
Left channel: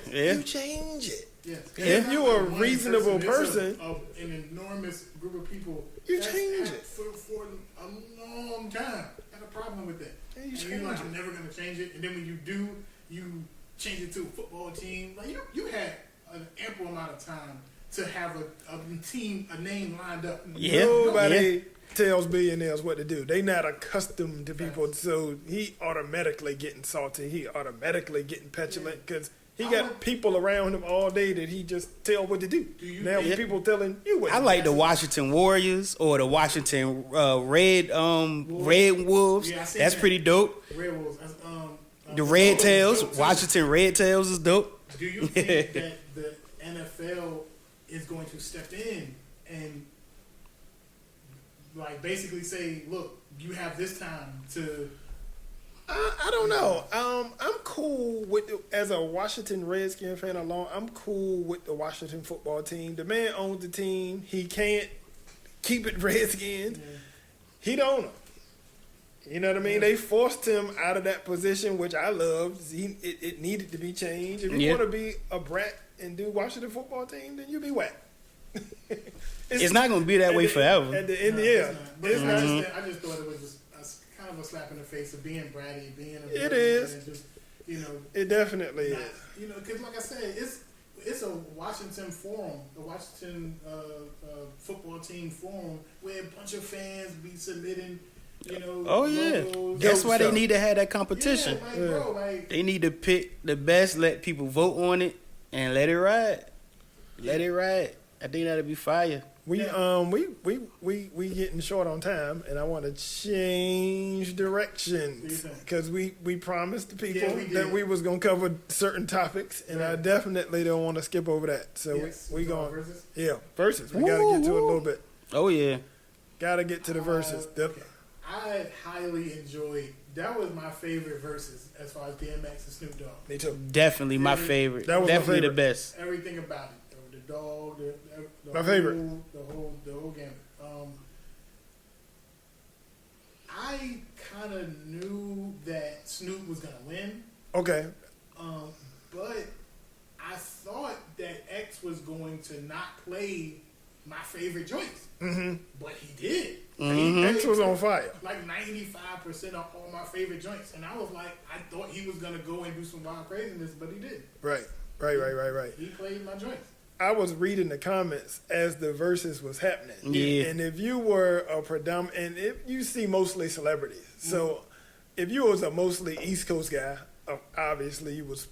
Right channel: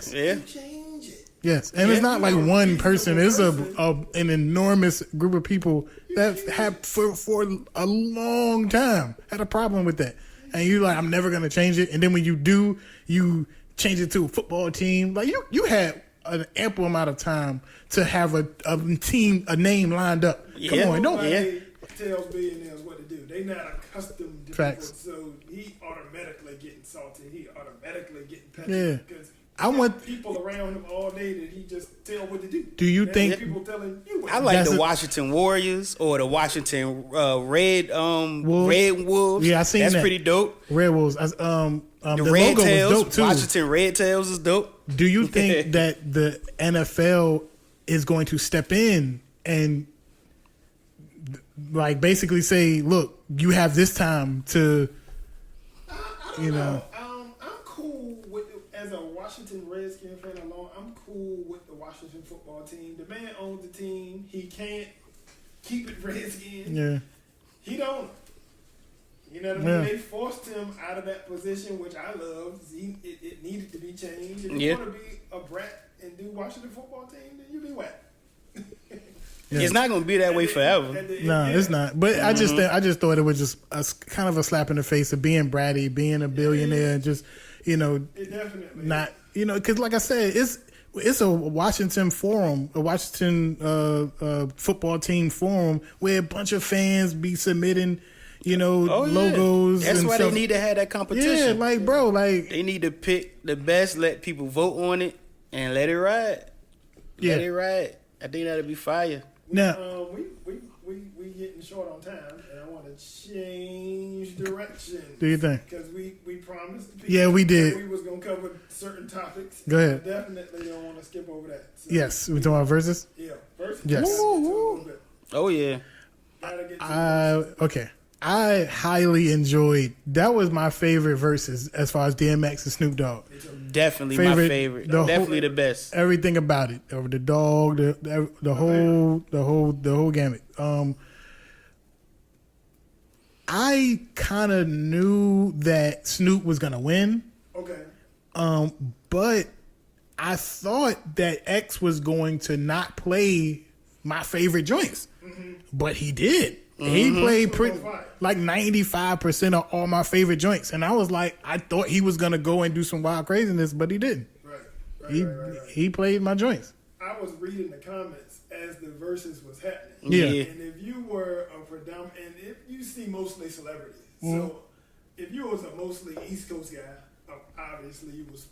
change it. Yes, and it's not like one person. It's an enormous group of people that have for a long time had a problem with that. And you're like, I'm never gonna change it. And then when you do, you change it to a football team. Like you had an ample amount of time to have a name lined up. Yeah. Come on, Nobody tells billionaires what to do. They not accustomed to Facts. people, so he automatically getting salty. He automatically getting petulant because he I got want- people around him all day that he just tell what to do. Do you now think- people telling you what? I to like That's the a- Washington Warriors or the Washington Red Wolves. Yeah, I seen That's that. pretty dope. Red Wolves. The logo Red was Tails, dope, too. Washington Red Tails is dope. Do you think that the NFL is going to step in and like basically say, look, you have this time to I don't know. I'm cool with as a Washington Redskin fan alone. I'm cool with the Washington football team. The man owns the team. He can't keep it Redskin. yeah. He don't. You know what I mean? Yeah. They forced him out of that position, which I loved. It needed to be changed. If you Yeah. want to be a brat and do Washington football team, then you be whack. It's not gonna be that way forever. No, it's not. But I just thought it was just kind of a slap in the face of being bratty, being a billionaire, and just It definitely not is. because like I said, it's a Washington forum, a Washington football team forum where a bunch of fans be submitting, logos. That's and why they stuff. need to have that Yeah, competition. bro, They need to pick the best, let people vote on it, and let it ride. Let it ride. I think that'll be fire. We Now- we getting short on time, and I want to change directions. Do you think? Because we promised the people Yeah, we did. that we was gonna cover certain topics. Go and ahead. I definitely don't want to skip over that. So Yes, we're we talking about gonna- verses. Yeah, versus. Yes. We gotta get to it a little bit. Oh yeah. Gotta get to the verses. Okay. I highly enjoyed. That was my favorite verses as far as DMX and Snoop Dogg. Me too. Definitely my Favorite- favorite. That was my Definitely the favorite. best. Everything about it, over the dog, the whole gamut. I kind of knew that Snoop was gonna win, Okay. but I thought that X was going to not play my favorite joints, but he did. He played X was on fire. like 95% of all my favorite joints, and I was like, I thought he was gonna go and do some wild craziness, but he didn't. Right. He- Right. He played my joints. I was reading the comments as the verses was happening. Yeah. And if you were a predominant, and if you see mostly celebrities, so if you was a mostly East Coast guy, obviously you was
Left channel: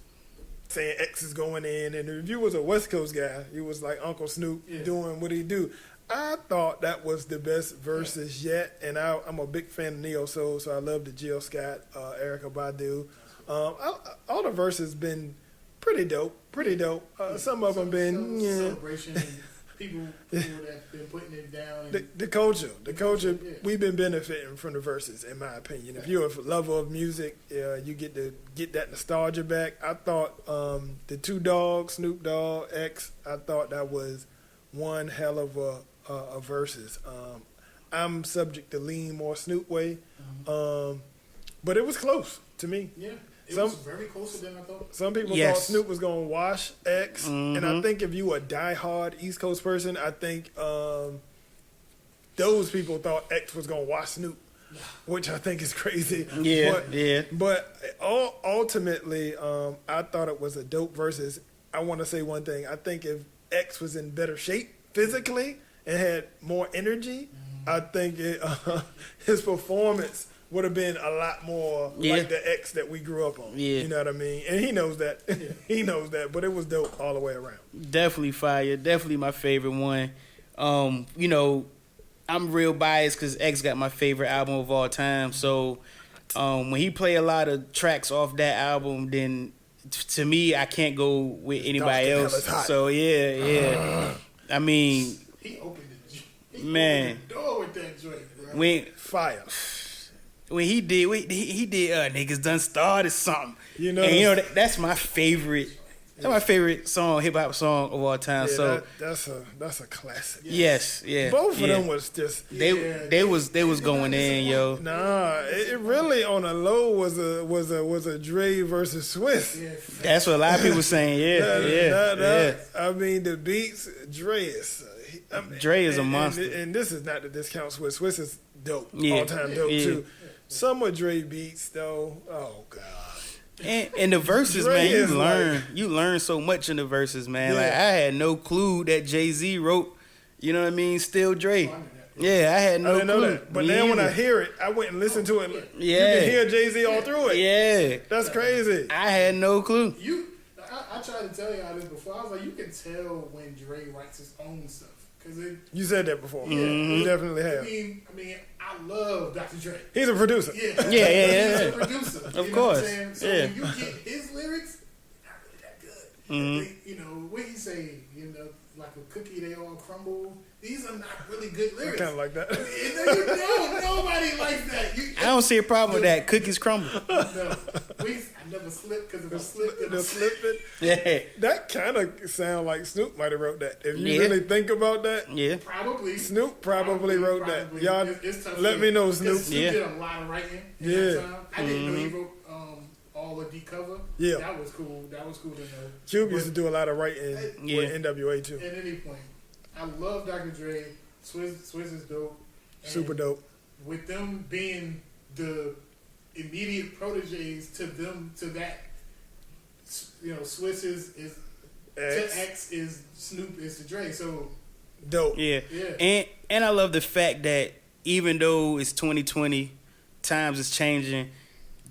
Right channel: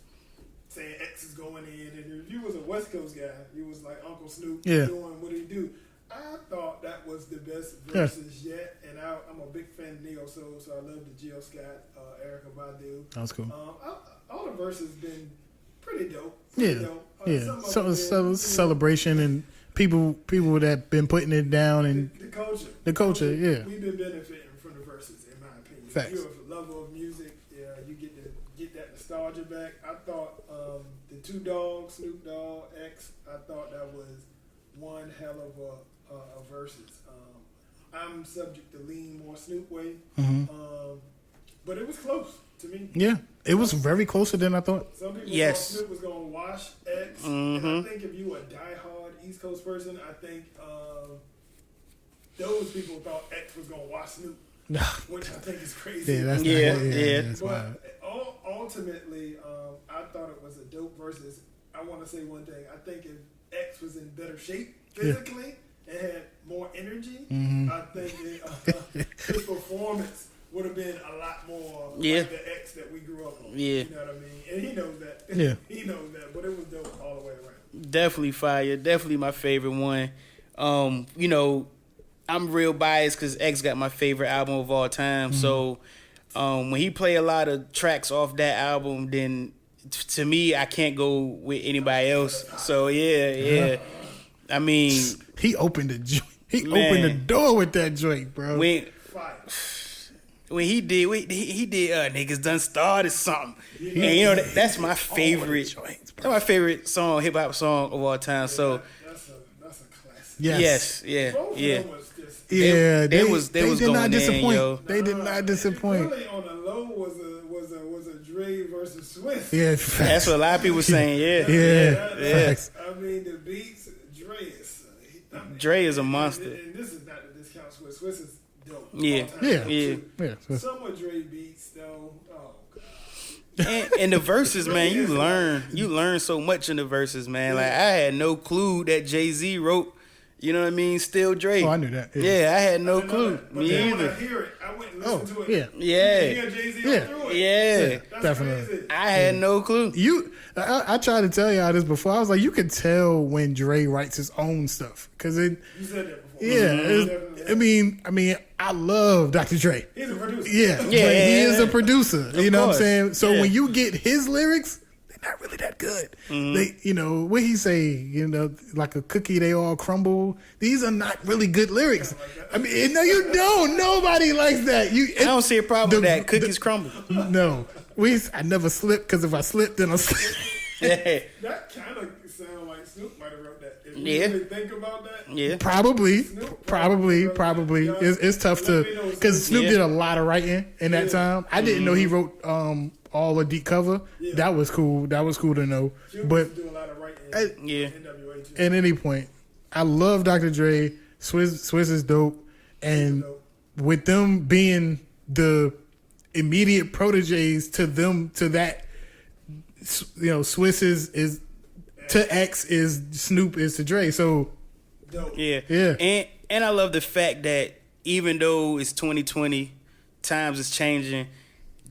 saying X is going in, and if you was a West Coast guy, you was like Uncle Snoop doing what he do. I thought that was the best verses yet, and I'm a big fan of Neo Soul, so I love the Jill Scott, Erykah Badu. That was cool. All the verses been pretty dope. Dope. Some of them been celebration and people that been putting it down and the culture. The culture, yeah. We've been benefiting from the verses, in my opinion. Facts. If you're a lover of music, you get to get that nostalgia back. I thought the Two Dogs, Snoop Dogg, X, I thought that was one hell of a verses. I'm subject to lean more Snoop way, but it was close to me. yeah, it was very closer than I thought. Some people Yes. thought Snoop was going to wash X, and I think if you a diehard East Coast person, I think those people thought X was going to wash Snoop, which I think is crazy. Yeah. But ultimately, I thought it was a dope versus. I want to say one thing. I think if X was in better shape physically and had more energy, I think his performance would have been a lot more like the X that we grew up on. Yeah. You know what I mean? And he knows that. Yeah. He knows that. But it was dope all the way around. Definitely fire. Definitely my favorite one. I'm real biased because X got my favorite album of all time. So when he play a lot of tracks off that album, then to me, I can't go with anybody No, else. it's hot. So yeah. I mean, He opened the joint. He Man. opened the door with that joint, bro. Fire. when he did niggas done started something. You know- And that's my favorite. That's my favorite song, hip hop song of all time. Yeah, so that's a classic. Yes. yes, Both of yeah. them was just. They was did not going in, disappoint. yo. They did Nah, not it disappoint. really on a low was a Dre versus Swiss. Yeah, That's what a lot of people saying. Yeah. I mean, the beats, Dre is. Dre is a and- monster. And this is not the discount Swiss. Swiss is dope. Yeah. All time Yeah. dope Yeah. too. Yeah. Some of Dre beats though. Oh god. And the verses, man, Dre is you learn so much in the verses, man. Yeah. Like I had no clue that Jay-Z wrote, you know what I mean, Still Dre. Oh, I knew that. Yeah, I had I no didn't know clue. that. But Me then when I either. hear it, I went and listened to it. yeah. Yeah. You can hear Jay-Z all Yeah. through it. Yeah. That's Definitely. crazy. I had no clue. I tried to tell y'all this before. I was like, you can tell when Dre writes his own stuff because it. You said that before. Yeah, You definitely have. I mean, I love Dr. Dre. He's a producer. Yeah, Yeah, he yeah, is yeah. a producer. Of You know what course. I'm saying? So Yeah. when you get his lyrics, they're not really that good. They, you know, what he say? You know, like a cookie, they all crumble. These are not really good lyrics. Kinda like that. I mean, no, you don't. Nobody likes that. I don't see a problem with that. Cookies crumble. No, I never slip because if I slip, then I slip. Yeah. That kind of sound like Snoop might have wrote that. If you Yeah. really think about that, Yeah. Probably. Snoop probably wrote that. Y'all, It's tough let to me know, because Snoop Yeah. did a lot of writing in that Yeah. time. I didn't know he wrote all of Deep Cover. Yeah. That was cool. That was cool to know. Cube But used to do a lot of writing Yeah. with NWA too. at any point, I love Dr. Dre. Swizz is dope, and Super dope. with them being the immediate proteges to that, you know, Swizz is to X is Snoop is to Dre. So Dope. Yeah. Yeah. And I love the fact that even though it's 2020, times is changing,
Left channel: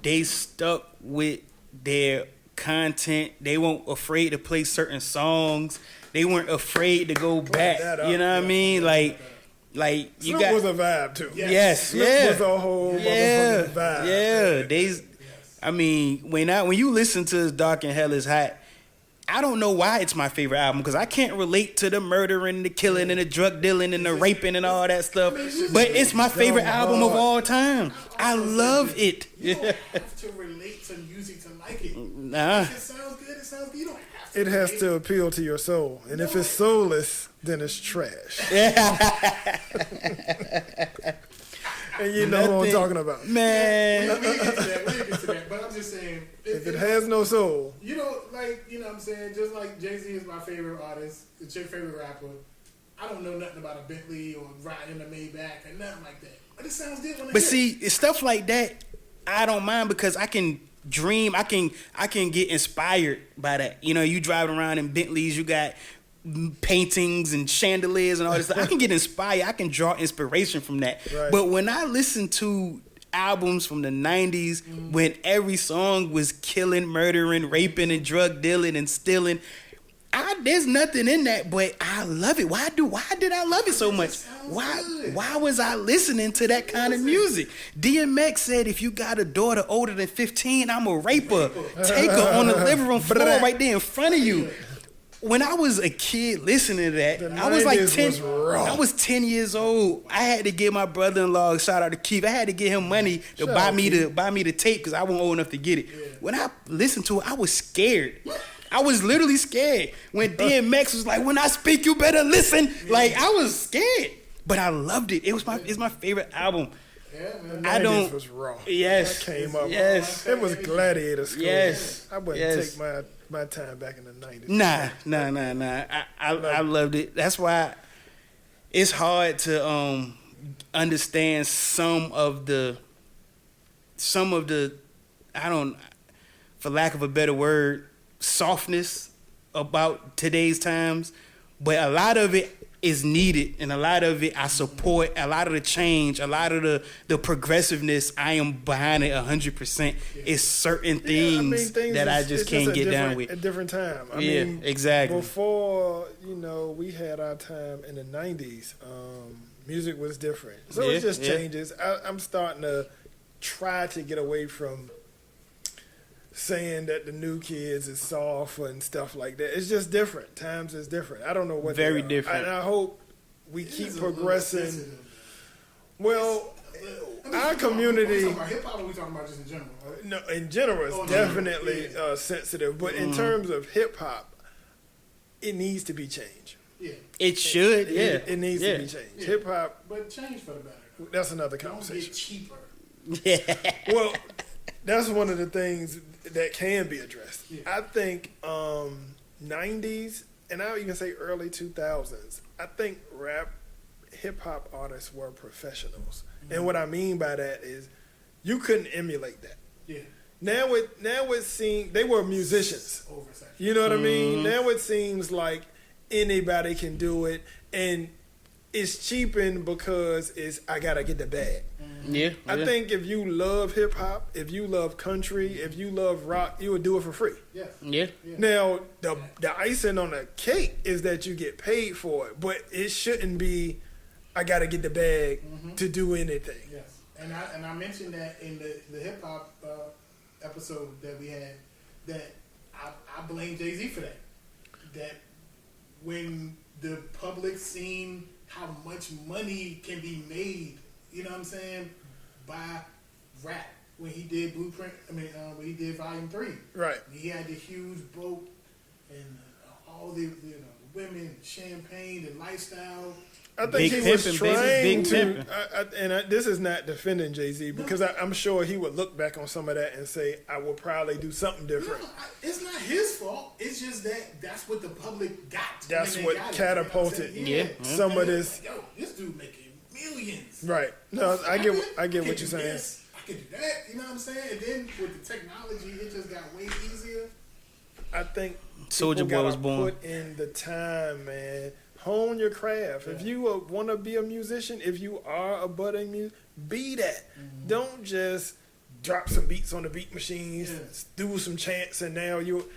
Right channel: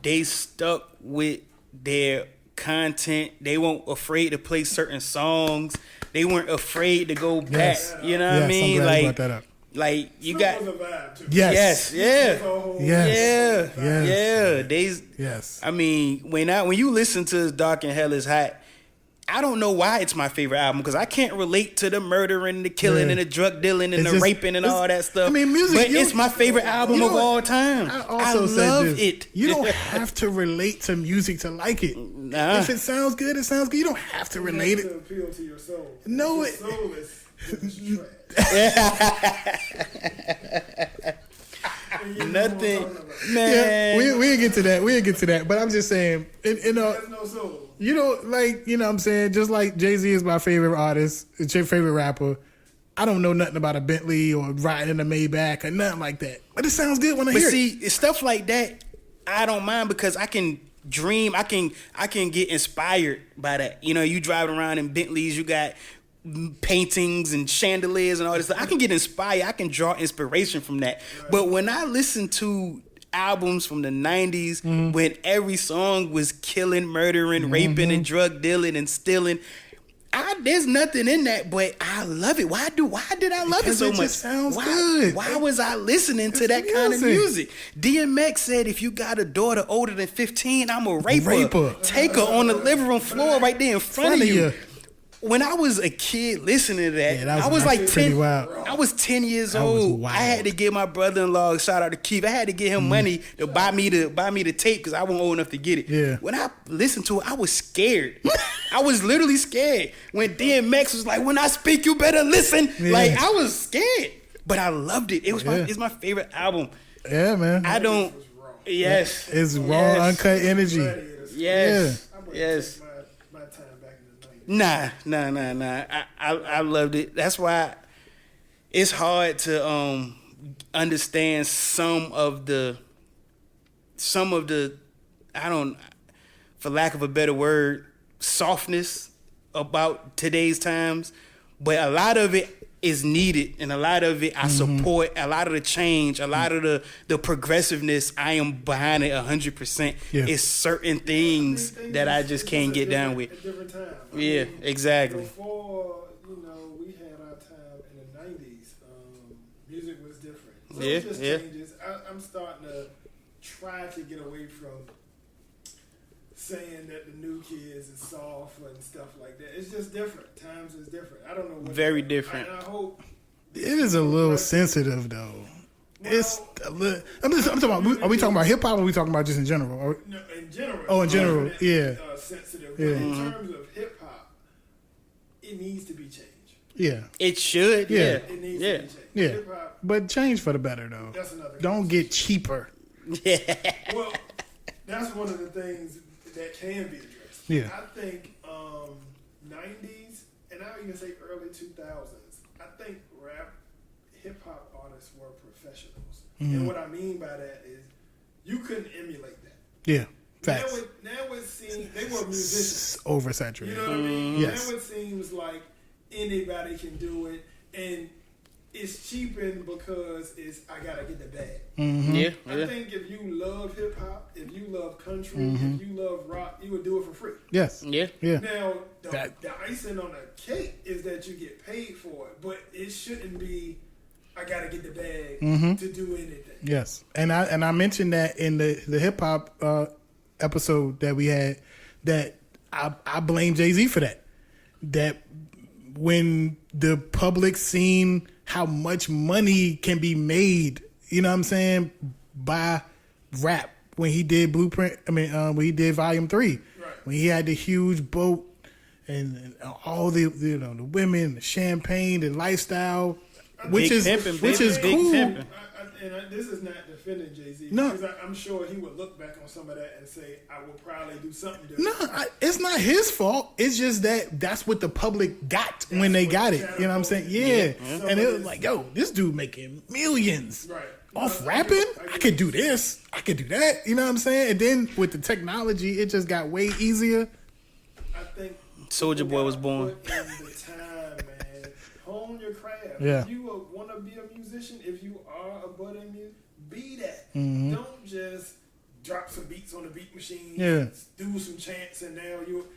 they stuck with their content. They weren't afraid to play certain songs. They weren't afraid to go back. You know what I Yes, mean? I'm glad you Like, brought that up. like you Snoop got was a vibe too. Yes. yes, yeah. Was a whole Yeah, vibe. yeah. They, Yes. I mean, when you listen to Dark and Hell is Hot, I don't know why it's my favorite album because I can't relate to the murdering, the killing, Yeah. and the drug dealing, and It's the just- raping, and all that stuff. I mean, music, but you- it's my favorite album of all time. I also said love this. it. You don't have to relate to music to like it. Nah. If it sounds good, it sounds good. You don't have to It relate has to appeal to your soul. And No, if it's it- soulless, then it's trash. And you know what I'm Nothing. talking about. Man, Yeah, we'll get to that. We'll get to that. But I'm just saying, It has no soul. you know, like, you know what I'm saying? Just like Jay-Z is my favorite artist, it's your favorite rapper. I don't know nothing about a Bentley or riding in a Maybach or nothing like that. But it sounds good when I but hear it. see, it's stuff like that I don't mind because I can dream. I can get inspired by that. You know, you driving around in Bentleys, you got paintings and chandeliers and all this stuff. I can get inspired. I can draw inspiration from that. Right. But when I listen to albums from the 90s when every song was killing, murdering, raping, and drug dealing and stealing, there's nothing in that, but I love it. Why did I love Because it so it much? just sounds good. Why was I listening to that kind of music? DMX said, if you got a daughter older than 15, I'm a raper. Raper. Take her on the living room floor right there in front of you. When I was a kid listening to that, Yeah, that I was was like wild. 10. That was wild. I was 10 years was old. wild. I had to give my brother-in-law, shout out to Keith, I had to get him money to buy me the tape because I wasn't old enough to get it. Yeah. When I listened to it, I was scared. I was literally scared. When DMX was like, when I speak, you better listen. Yeah. Like, I was scared. But I loved it. Yeah. It's my favorite album. Yeah, man. I don't. Was raw. Yes. It's raw, Yes. uncut It was energy. Gladiator school. Yes. I wouldn't Yes. take my time back in the 90s. Nah. I loved it. That's why it's hard to understand some of the I don't, for lack of a better word, softness about today's times, but a lot of it is needed, and a lot of it I support. A lot of the change, a lot of the progressiveness, I am behind it 100%. Yeah. It's certain things that I just can't get down with. A different time. I Yeah, mean, exactly. Before, we had our time in the 90s, music was different. So Yeah, it just yeah. changes. I'm starting to try to get away from saying that the new kids is soft and stuff like that. It's just different. Times is different. I don't know what Very they are. different. And I hope we It keep is a little progressing. sensitive, though. Well, I mean, our are we community- talking about hip hop or are we talking about just in general? Or- No, in general, Oh, in it's general, definitely yeah. sensitive. But Yeah. in terms of hip hop, it needs to be changed. yeah. It should, yeah. It needs yeah. to be changed. Yeah. Hip hop, But change for the better, though. that's another Don't conversation. get cheaper. Yeah. Well, that's one of the things that can be addressed. Yeah. I think 90s, and I'll even say early 2000s, I think rap, hip-hop artists were professionals. Mm-hmm. And what I mean by that is you couldn't emulate that. Yeah. Now it seems they were musicians. Oversaturated. You know what I mean? Yes. Now it seems like anybody can do it, and it's cheaping because I gotta get the bag. Yeah, I think if you love hip hop, if you love country, if you love rock, you would do it for free. Yes. yeah. Yeah. Now the icing on the cake is that you get paid for it, but it shouldn't be. I gotta get the bag to do anything. Yes, and I mentioned that in the hip hop episode that we had, that I blame Jay-Z for that. That when the public seen how much money can be made, you know what I'm saying, by rap when he did Blueprint. I mean, when he did Volume 3, Right. when he had the huge boat and all the the women, the champagne, the lifestyle. Big pimping, bitches, big pimping. This is not defending Jay-Z because I'm sure he would look back on some of that and say, I will probably do something different. No, it's not his fault. It's just that's what the public got when That's they what got it. You know what I'm saying? catapulted. Yeah. Some And of it was this- like, yo, this dude making millions. Right. Off I get rapping? I what could you're do saying. this. I could do that. You know what I'm saying? And then with the technology, it just got way easier. I think Soulja people Boy was gotta born. Put in the time, man. Hone your craft. Yeah. If you want to be a musician, if you are a budding musician, be that. Mm-hmm. Don't just drop some beats on the beat machine, do some chants, and now you.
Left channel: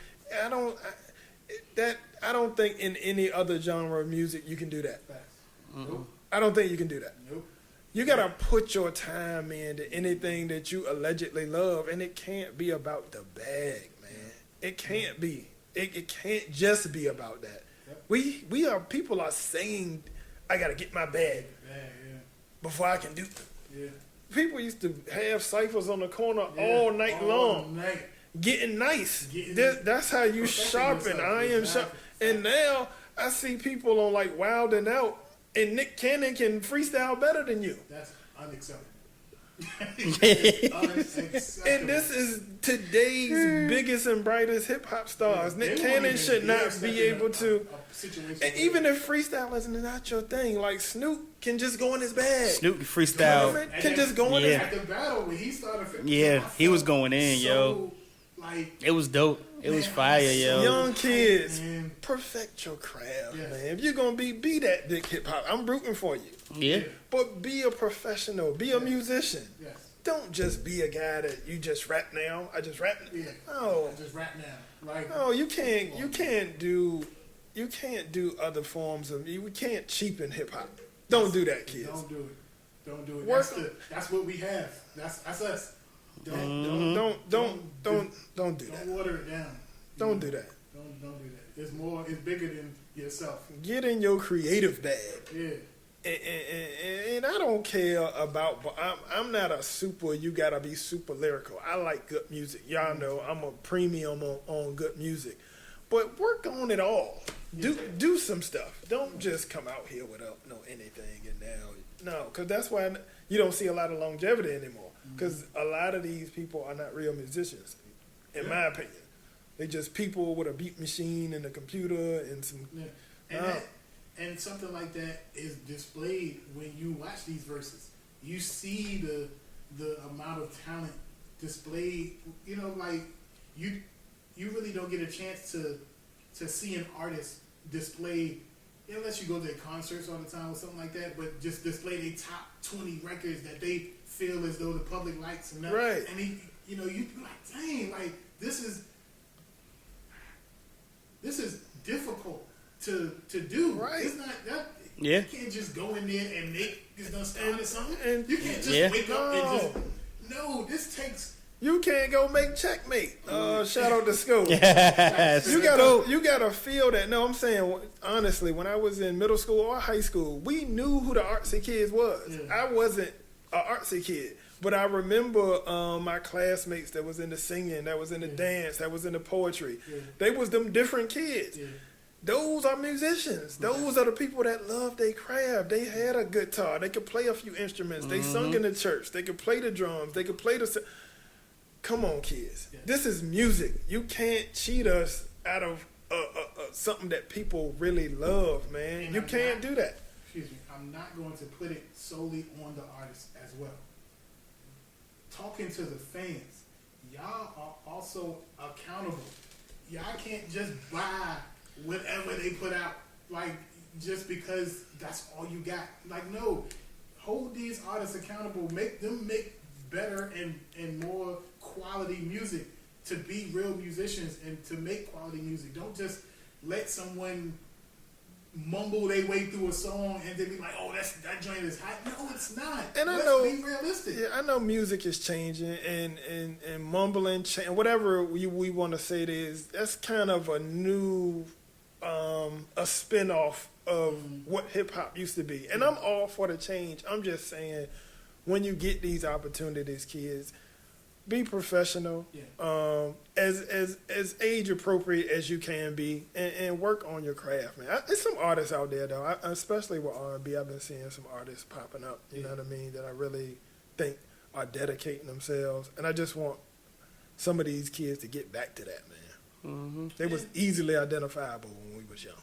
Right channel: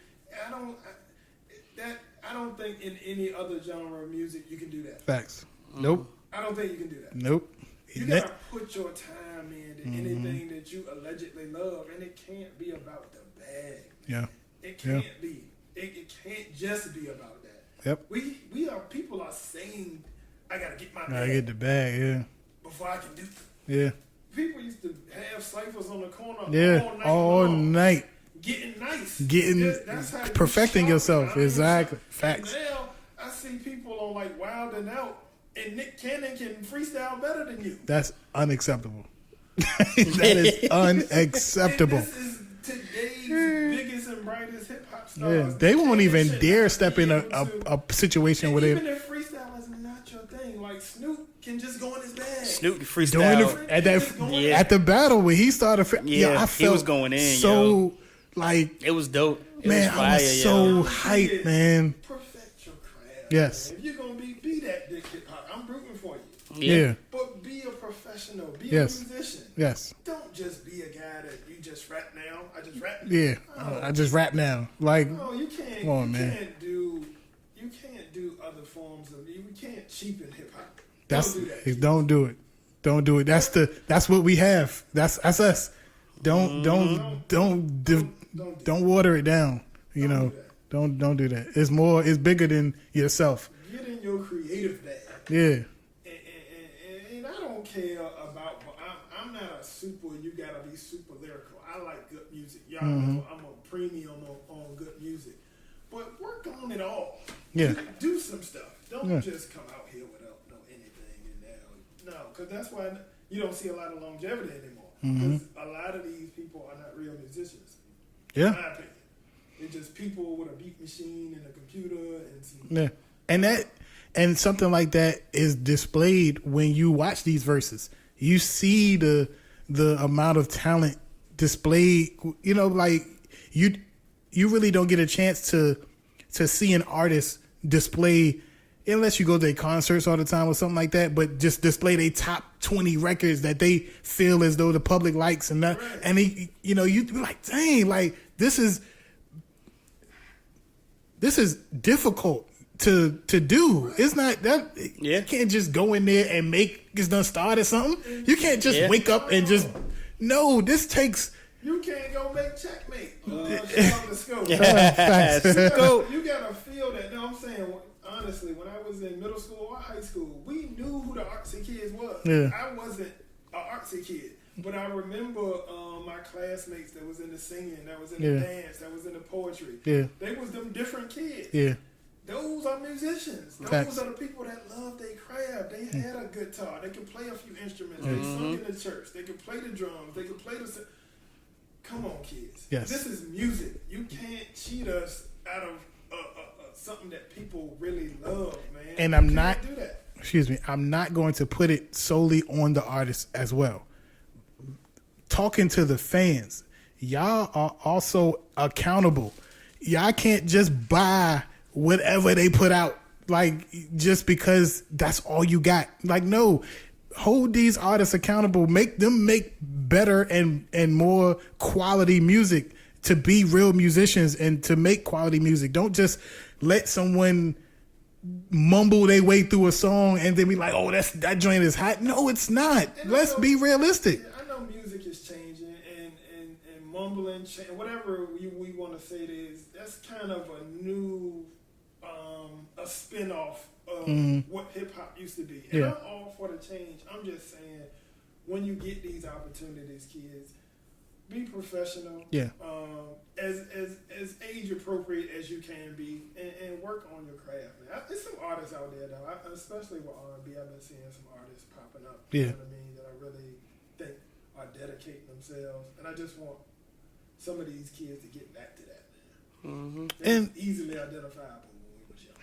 I don't think in any other genre of music you can do that. Facts. Nope. I don't think you can do that. Nope. You gotta put your time into anything that you allegedly love, and it can't be about the bag, man. Yeah. It can't be. It can't just be about that. Yep. People are saying, I gotta get my I bag get the bag. Yeah. before I can do. Yeah. People used to have ciphers on the corner Yeah. all night All long, night. getting nice. Getting- that's how you perfecting sharpen yourself. iron Exactly. sharp- And now I see people on like Wild and Out, and Nick Cannon can freestyle better than you. That's unacceptable. That is unacceptable. And this is today's biggest and brightest hip hop Yeah, stars. they Nick won't Cannon even should dare not step be in able to- a situation And where even they if freestyle is not your thing, like Snoop can just go in his bag. Snoop doing freestyle. it Can just go in Yeah. at the battle when he started. Yeah, I he was felt going in, so, yo. Like, It was dope. It was man, fire, I was yo. so Young hyped, kids, man. perfect your craft. Yes. Man. If you're gonna be that big hip hop, I'm rooting for you. Yeah. But be a professional. Be a Yes. musician. Yes. Don't just be a guy that you just rap now. I just rap. Yeah. No. I just rap now. Like, No, you can't. Come on, you man. can't do. You can't do other forms of. You can't cheapen hip hop. that's- Don't do that. Kids. Don't do it. Don't do it. That's what we have. That's us. Don't water it down. You Don't know. do that. Don't do that. It's bigger than yourself. Get in your creative bag. Yeah. And I don't care about. I'm not a super. You gotta be super lyrical. I like good music. Y'all know I'm a premium on good music. But work on it all. Yeah. Do some stuff. Don't just come out here without no anything and now. No, because that's why you don't see a lot of longevity anymore. Because a lot of these people are not real musicians. In Yeah. my opinion, they just people with a beat machine and a computer and some. Yeah. And something like that is displayed when you watch these verses. You see the amount of talent displayed. You know, like you really don't get a chance to see an artist display unless you go to their concerts all the time or something like that. But just display their top 20 records that they feel as though the public likes and that. Right. And you be like, dang, like this is difficult to do. Right. It's not that. Yeah. You can't just go in there and make it's done started something. And- You can't just Yeah. wake up and just. No, this takes. You can't go make checkmate. Shout out to school. Yeah. You gotta feel that. No, I'm saying honestly, when I was in middle school or high school, we knew who the artsy kids was. Yeah. I wasn't an artsy kid, but I remember my classmates that was in the singing, that was in the Yeah. dance, that was in the poetry. Yeah. They was them different kids. Yeah. Those are musicians. Those Facts. are the people that love their craft. They had a guitar. They could play a few instruments. They sung in the church. They could play the drums. They could play the. Come on, kids. Yes. This is music. You can't cheat us out of something that people really love, man. And you I'm can't not- do that. Excuse me. I'm not going to put it solely on the artist as well. Talking to the fans, y'all are also accountable. Y'all can't just buy whatever they put out, like, just because that's all you got. Like, no, hold these artists accountable. Make them make better and more quality music to be real musicians and to make quality music. Don't just let someone mumble their way through a song and then be like, oh, that joint is hot. No, it's not. And Let's be realistic. Yeah, I know music is changing and mumbling, whatever we want to say it is, that's kind of a new, a spin-off of what hip-hop used to be. And I'm all for the change. I'm just saying, when you get these opportunities, kids, be professional. Yeah. As age appropriate as you can be, and work on your craft, man. There's some artists out there though, especially with R&B. I've been seeing some artists popping up. You know what I mean? That I really think are dedicating themselves, and I just want some of these kids to get back to that, man. They was easily identifiable when we was young.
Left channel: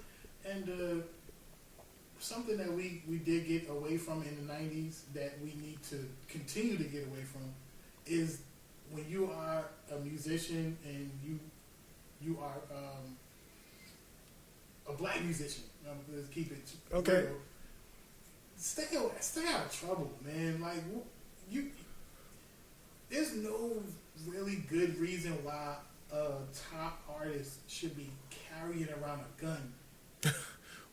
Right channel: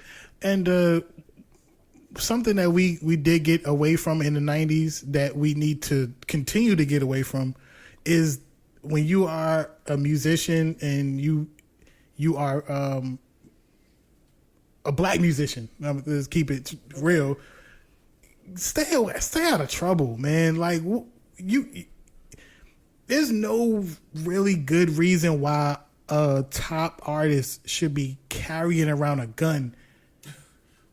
And something that we did get away from in the 90s that we need to continue to get away from is when you are a musician and you are a black musician. Let's keep it real. Stay out of trouble, man. Like there's no really good reason why a top artist should be carrying around a gun.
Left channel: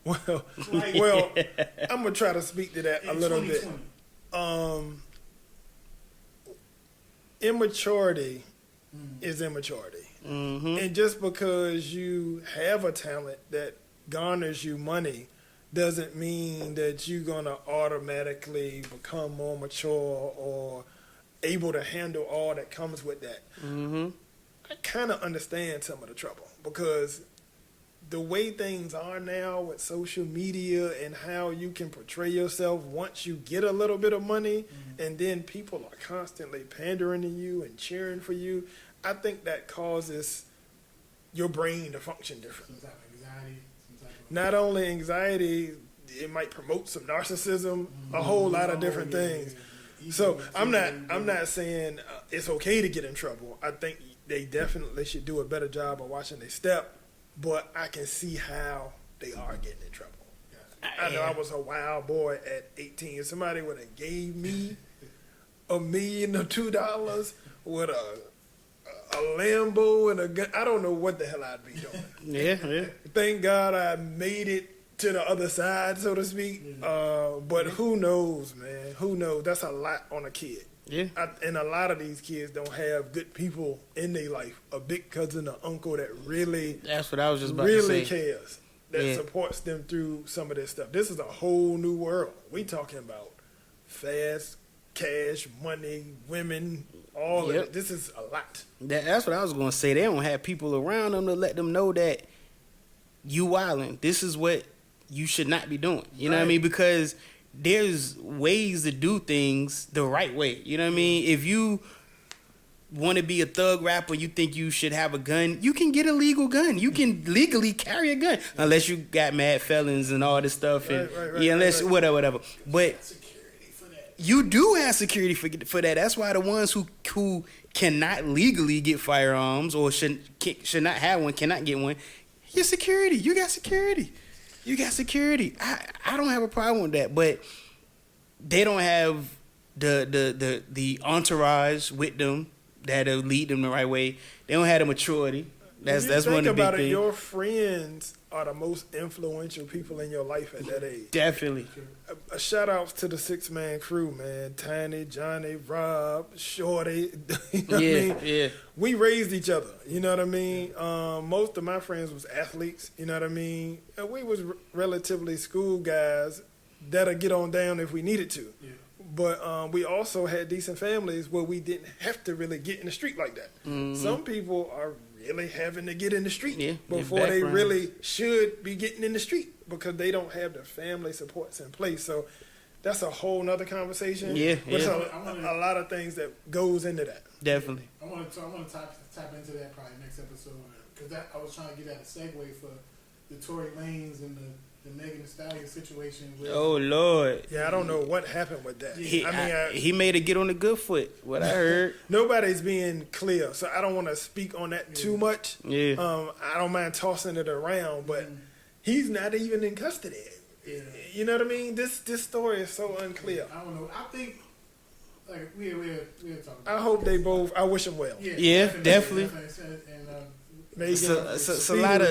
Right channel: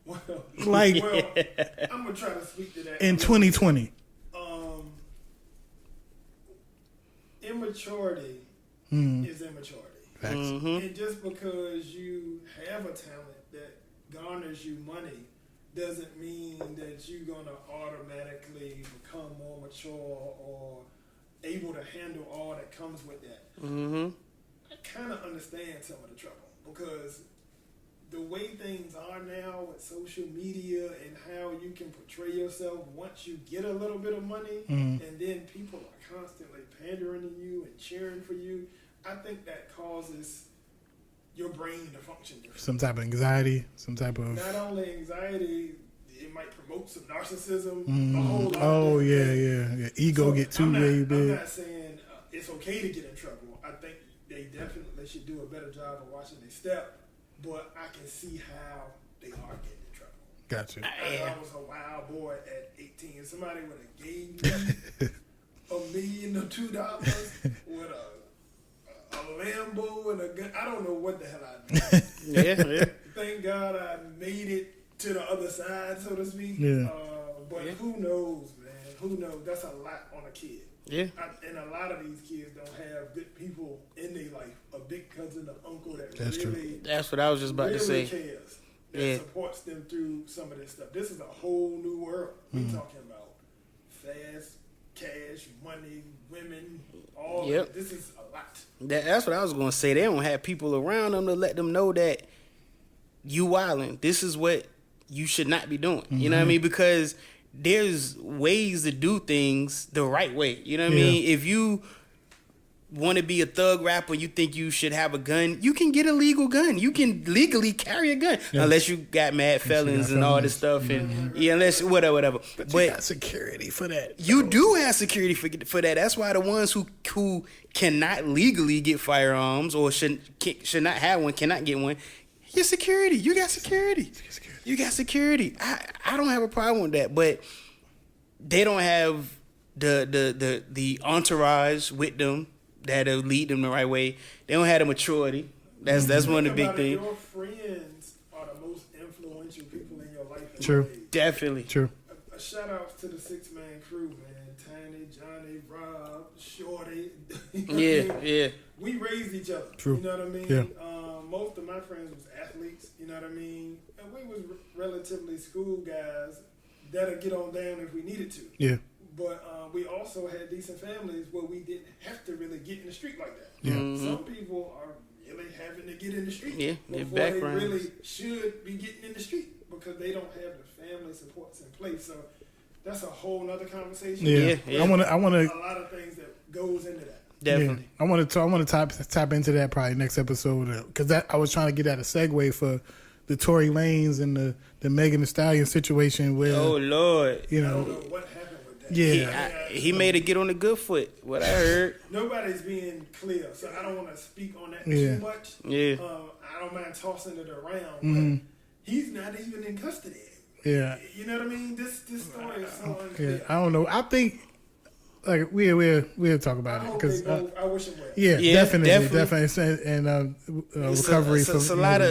I'm gonna try to speak to that in 2020. Immaturity is immaturity. And just because you have a talent that garners you money doesn't mean that you're going to automatically become more mature or able to handle all that comes with that. I kind of understand some of the trouble because the way things are now with social media and how you can portray yourself once you get a little bit of money and then people are constantly pandering to you and cheering for you, I think that causes your brain to function different. Some type of anxiety, some type of... Not only anxiety, it might promote some narcissism, a whole lot of different things. Yeah. Ego so get too I'm not saying it's okay to get in trouble. I think they definitely should do a better job of watching their step. But I can see how they are getting in trouble. Gotcha. I know I was a wild boy at 18. Somebody would have gave me $1 million or $2 with a Lambo and a gun. I don't know what the hell I'd be doing. Yeah. Thank God I made it to the other side, so to speak. But who knows, man? Who knows? That's a lot on a kid. Yeah. And a lot of these kids don't have good people in their life. A big cousin or uncle that That's what I was just about to say. Really cares. That supports them through some of this stuff. This is a whole new world. We talking about fast cash, money, women, all that. This is a lot. That's what I was going to say. They don't have people around them to let them know that you wilding. This is what you should not be doing. You know what I mean? Because there's ways to do things the right way. You know what I mean? If you want to be a thug rapper, you think you should have a gun, you can get a legal gun. You can legally carry a gun. Unless you got mad felons and all this stuff. Unless whatever. But you got security for that. You do have security for that. That's why the ones who cannot legally get firearms or should not have one, cannot get one, your security. You got security. You got security. I don't have a problem with that, but they don't have the entourage with them that'll lead them the right way. They don't have the maturity. That's one of the big things. Your friends are the most influential people in your life at that age. Definitely. True. A shout outs to the 6-man crew, man. Tiny, Johnny, Rob, Shorty. You know what I mean? We raised each other. True. You know what I mean? Most of my friends was athletes. You know what I mean? And we was relatively school guys that'll get on down if we needed to. Yeah. But we also had decent families where we didn't have to really get in the street like that. Some people are really having to get in the street before they really should be getting in the street because they don't have the family supports in place. So that's a whole nother conversation. I want a lot of things that goes into that. Definitely. I want to tap into that probably next episode because I was trying to get at a segue for the Tory Lanez and the the Megan Thee Stallion situation where Oh Lord. Yeah, I don't know what happened with that. Yeah. He made it get on the good foot. What I heard. Nobody's being clear, so I don't want to speak on that too much. Yeah. I don't mind tossing it around, but he's not even in custody. Yeah. You know what I mean? This story is so unclear. I don't know. I think like we'll talk about it. I hope they both. I wish them well. Yeah, Yeah, definitely. And recovery. It's a lot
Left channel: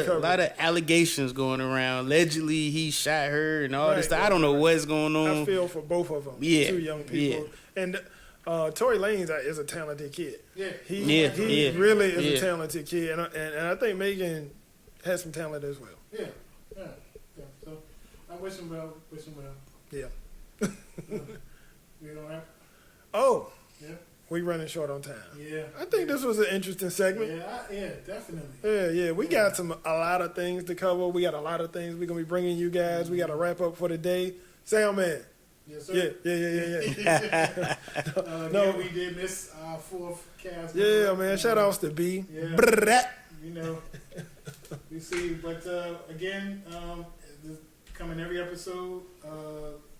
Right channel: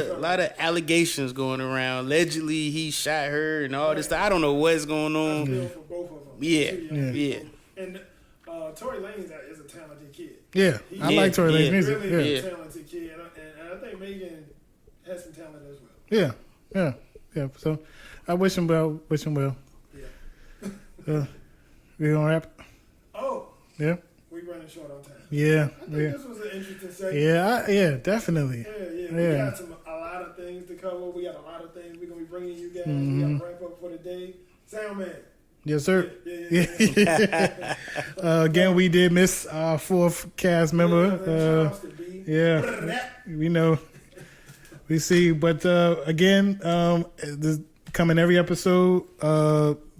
of allegations going around. Allegedly, he shot her and all this stuff. I don't know what's going on. I feel for both of them. Yeah, Two young people. And Tory Lanez is a talented kid. Yeah, He I like Tory Lanez. really is Yeah. a talented kid, and I think Megan has some talent as well. Yeah. So I wish him well. Yeah. We gonna wrap. Oh, Yeah. we running short on time. Yeah. I think this was an interesting segment. Yeah, definitely. Yeah. We got a lot of things to cover. We got a lot of things we're gonna be bringing you guys. We got to wrap up for the day. Sound man. Yes, sir. Yeah. Again, we did miss our fourth cast member. Yeah, man. Shout outs to B. Yeah. We know. We see, but again, this coming every episode.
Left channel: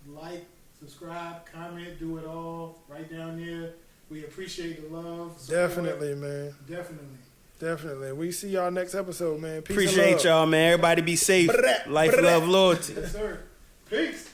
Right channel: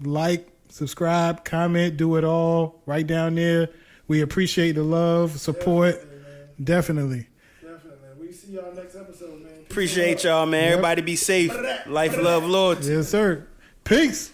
Like, subscribe, comment, do it all right down there. We appreciate the love, support. Definitely, man. Definitely. We see y'all next episode, man. Peace and Appreciate love. y'all, man. Everybody be safe. Life, love, loyalty. Yes, sir. Peace.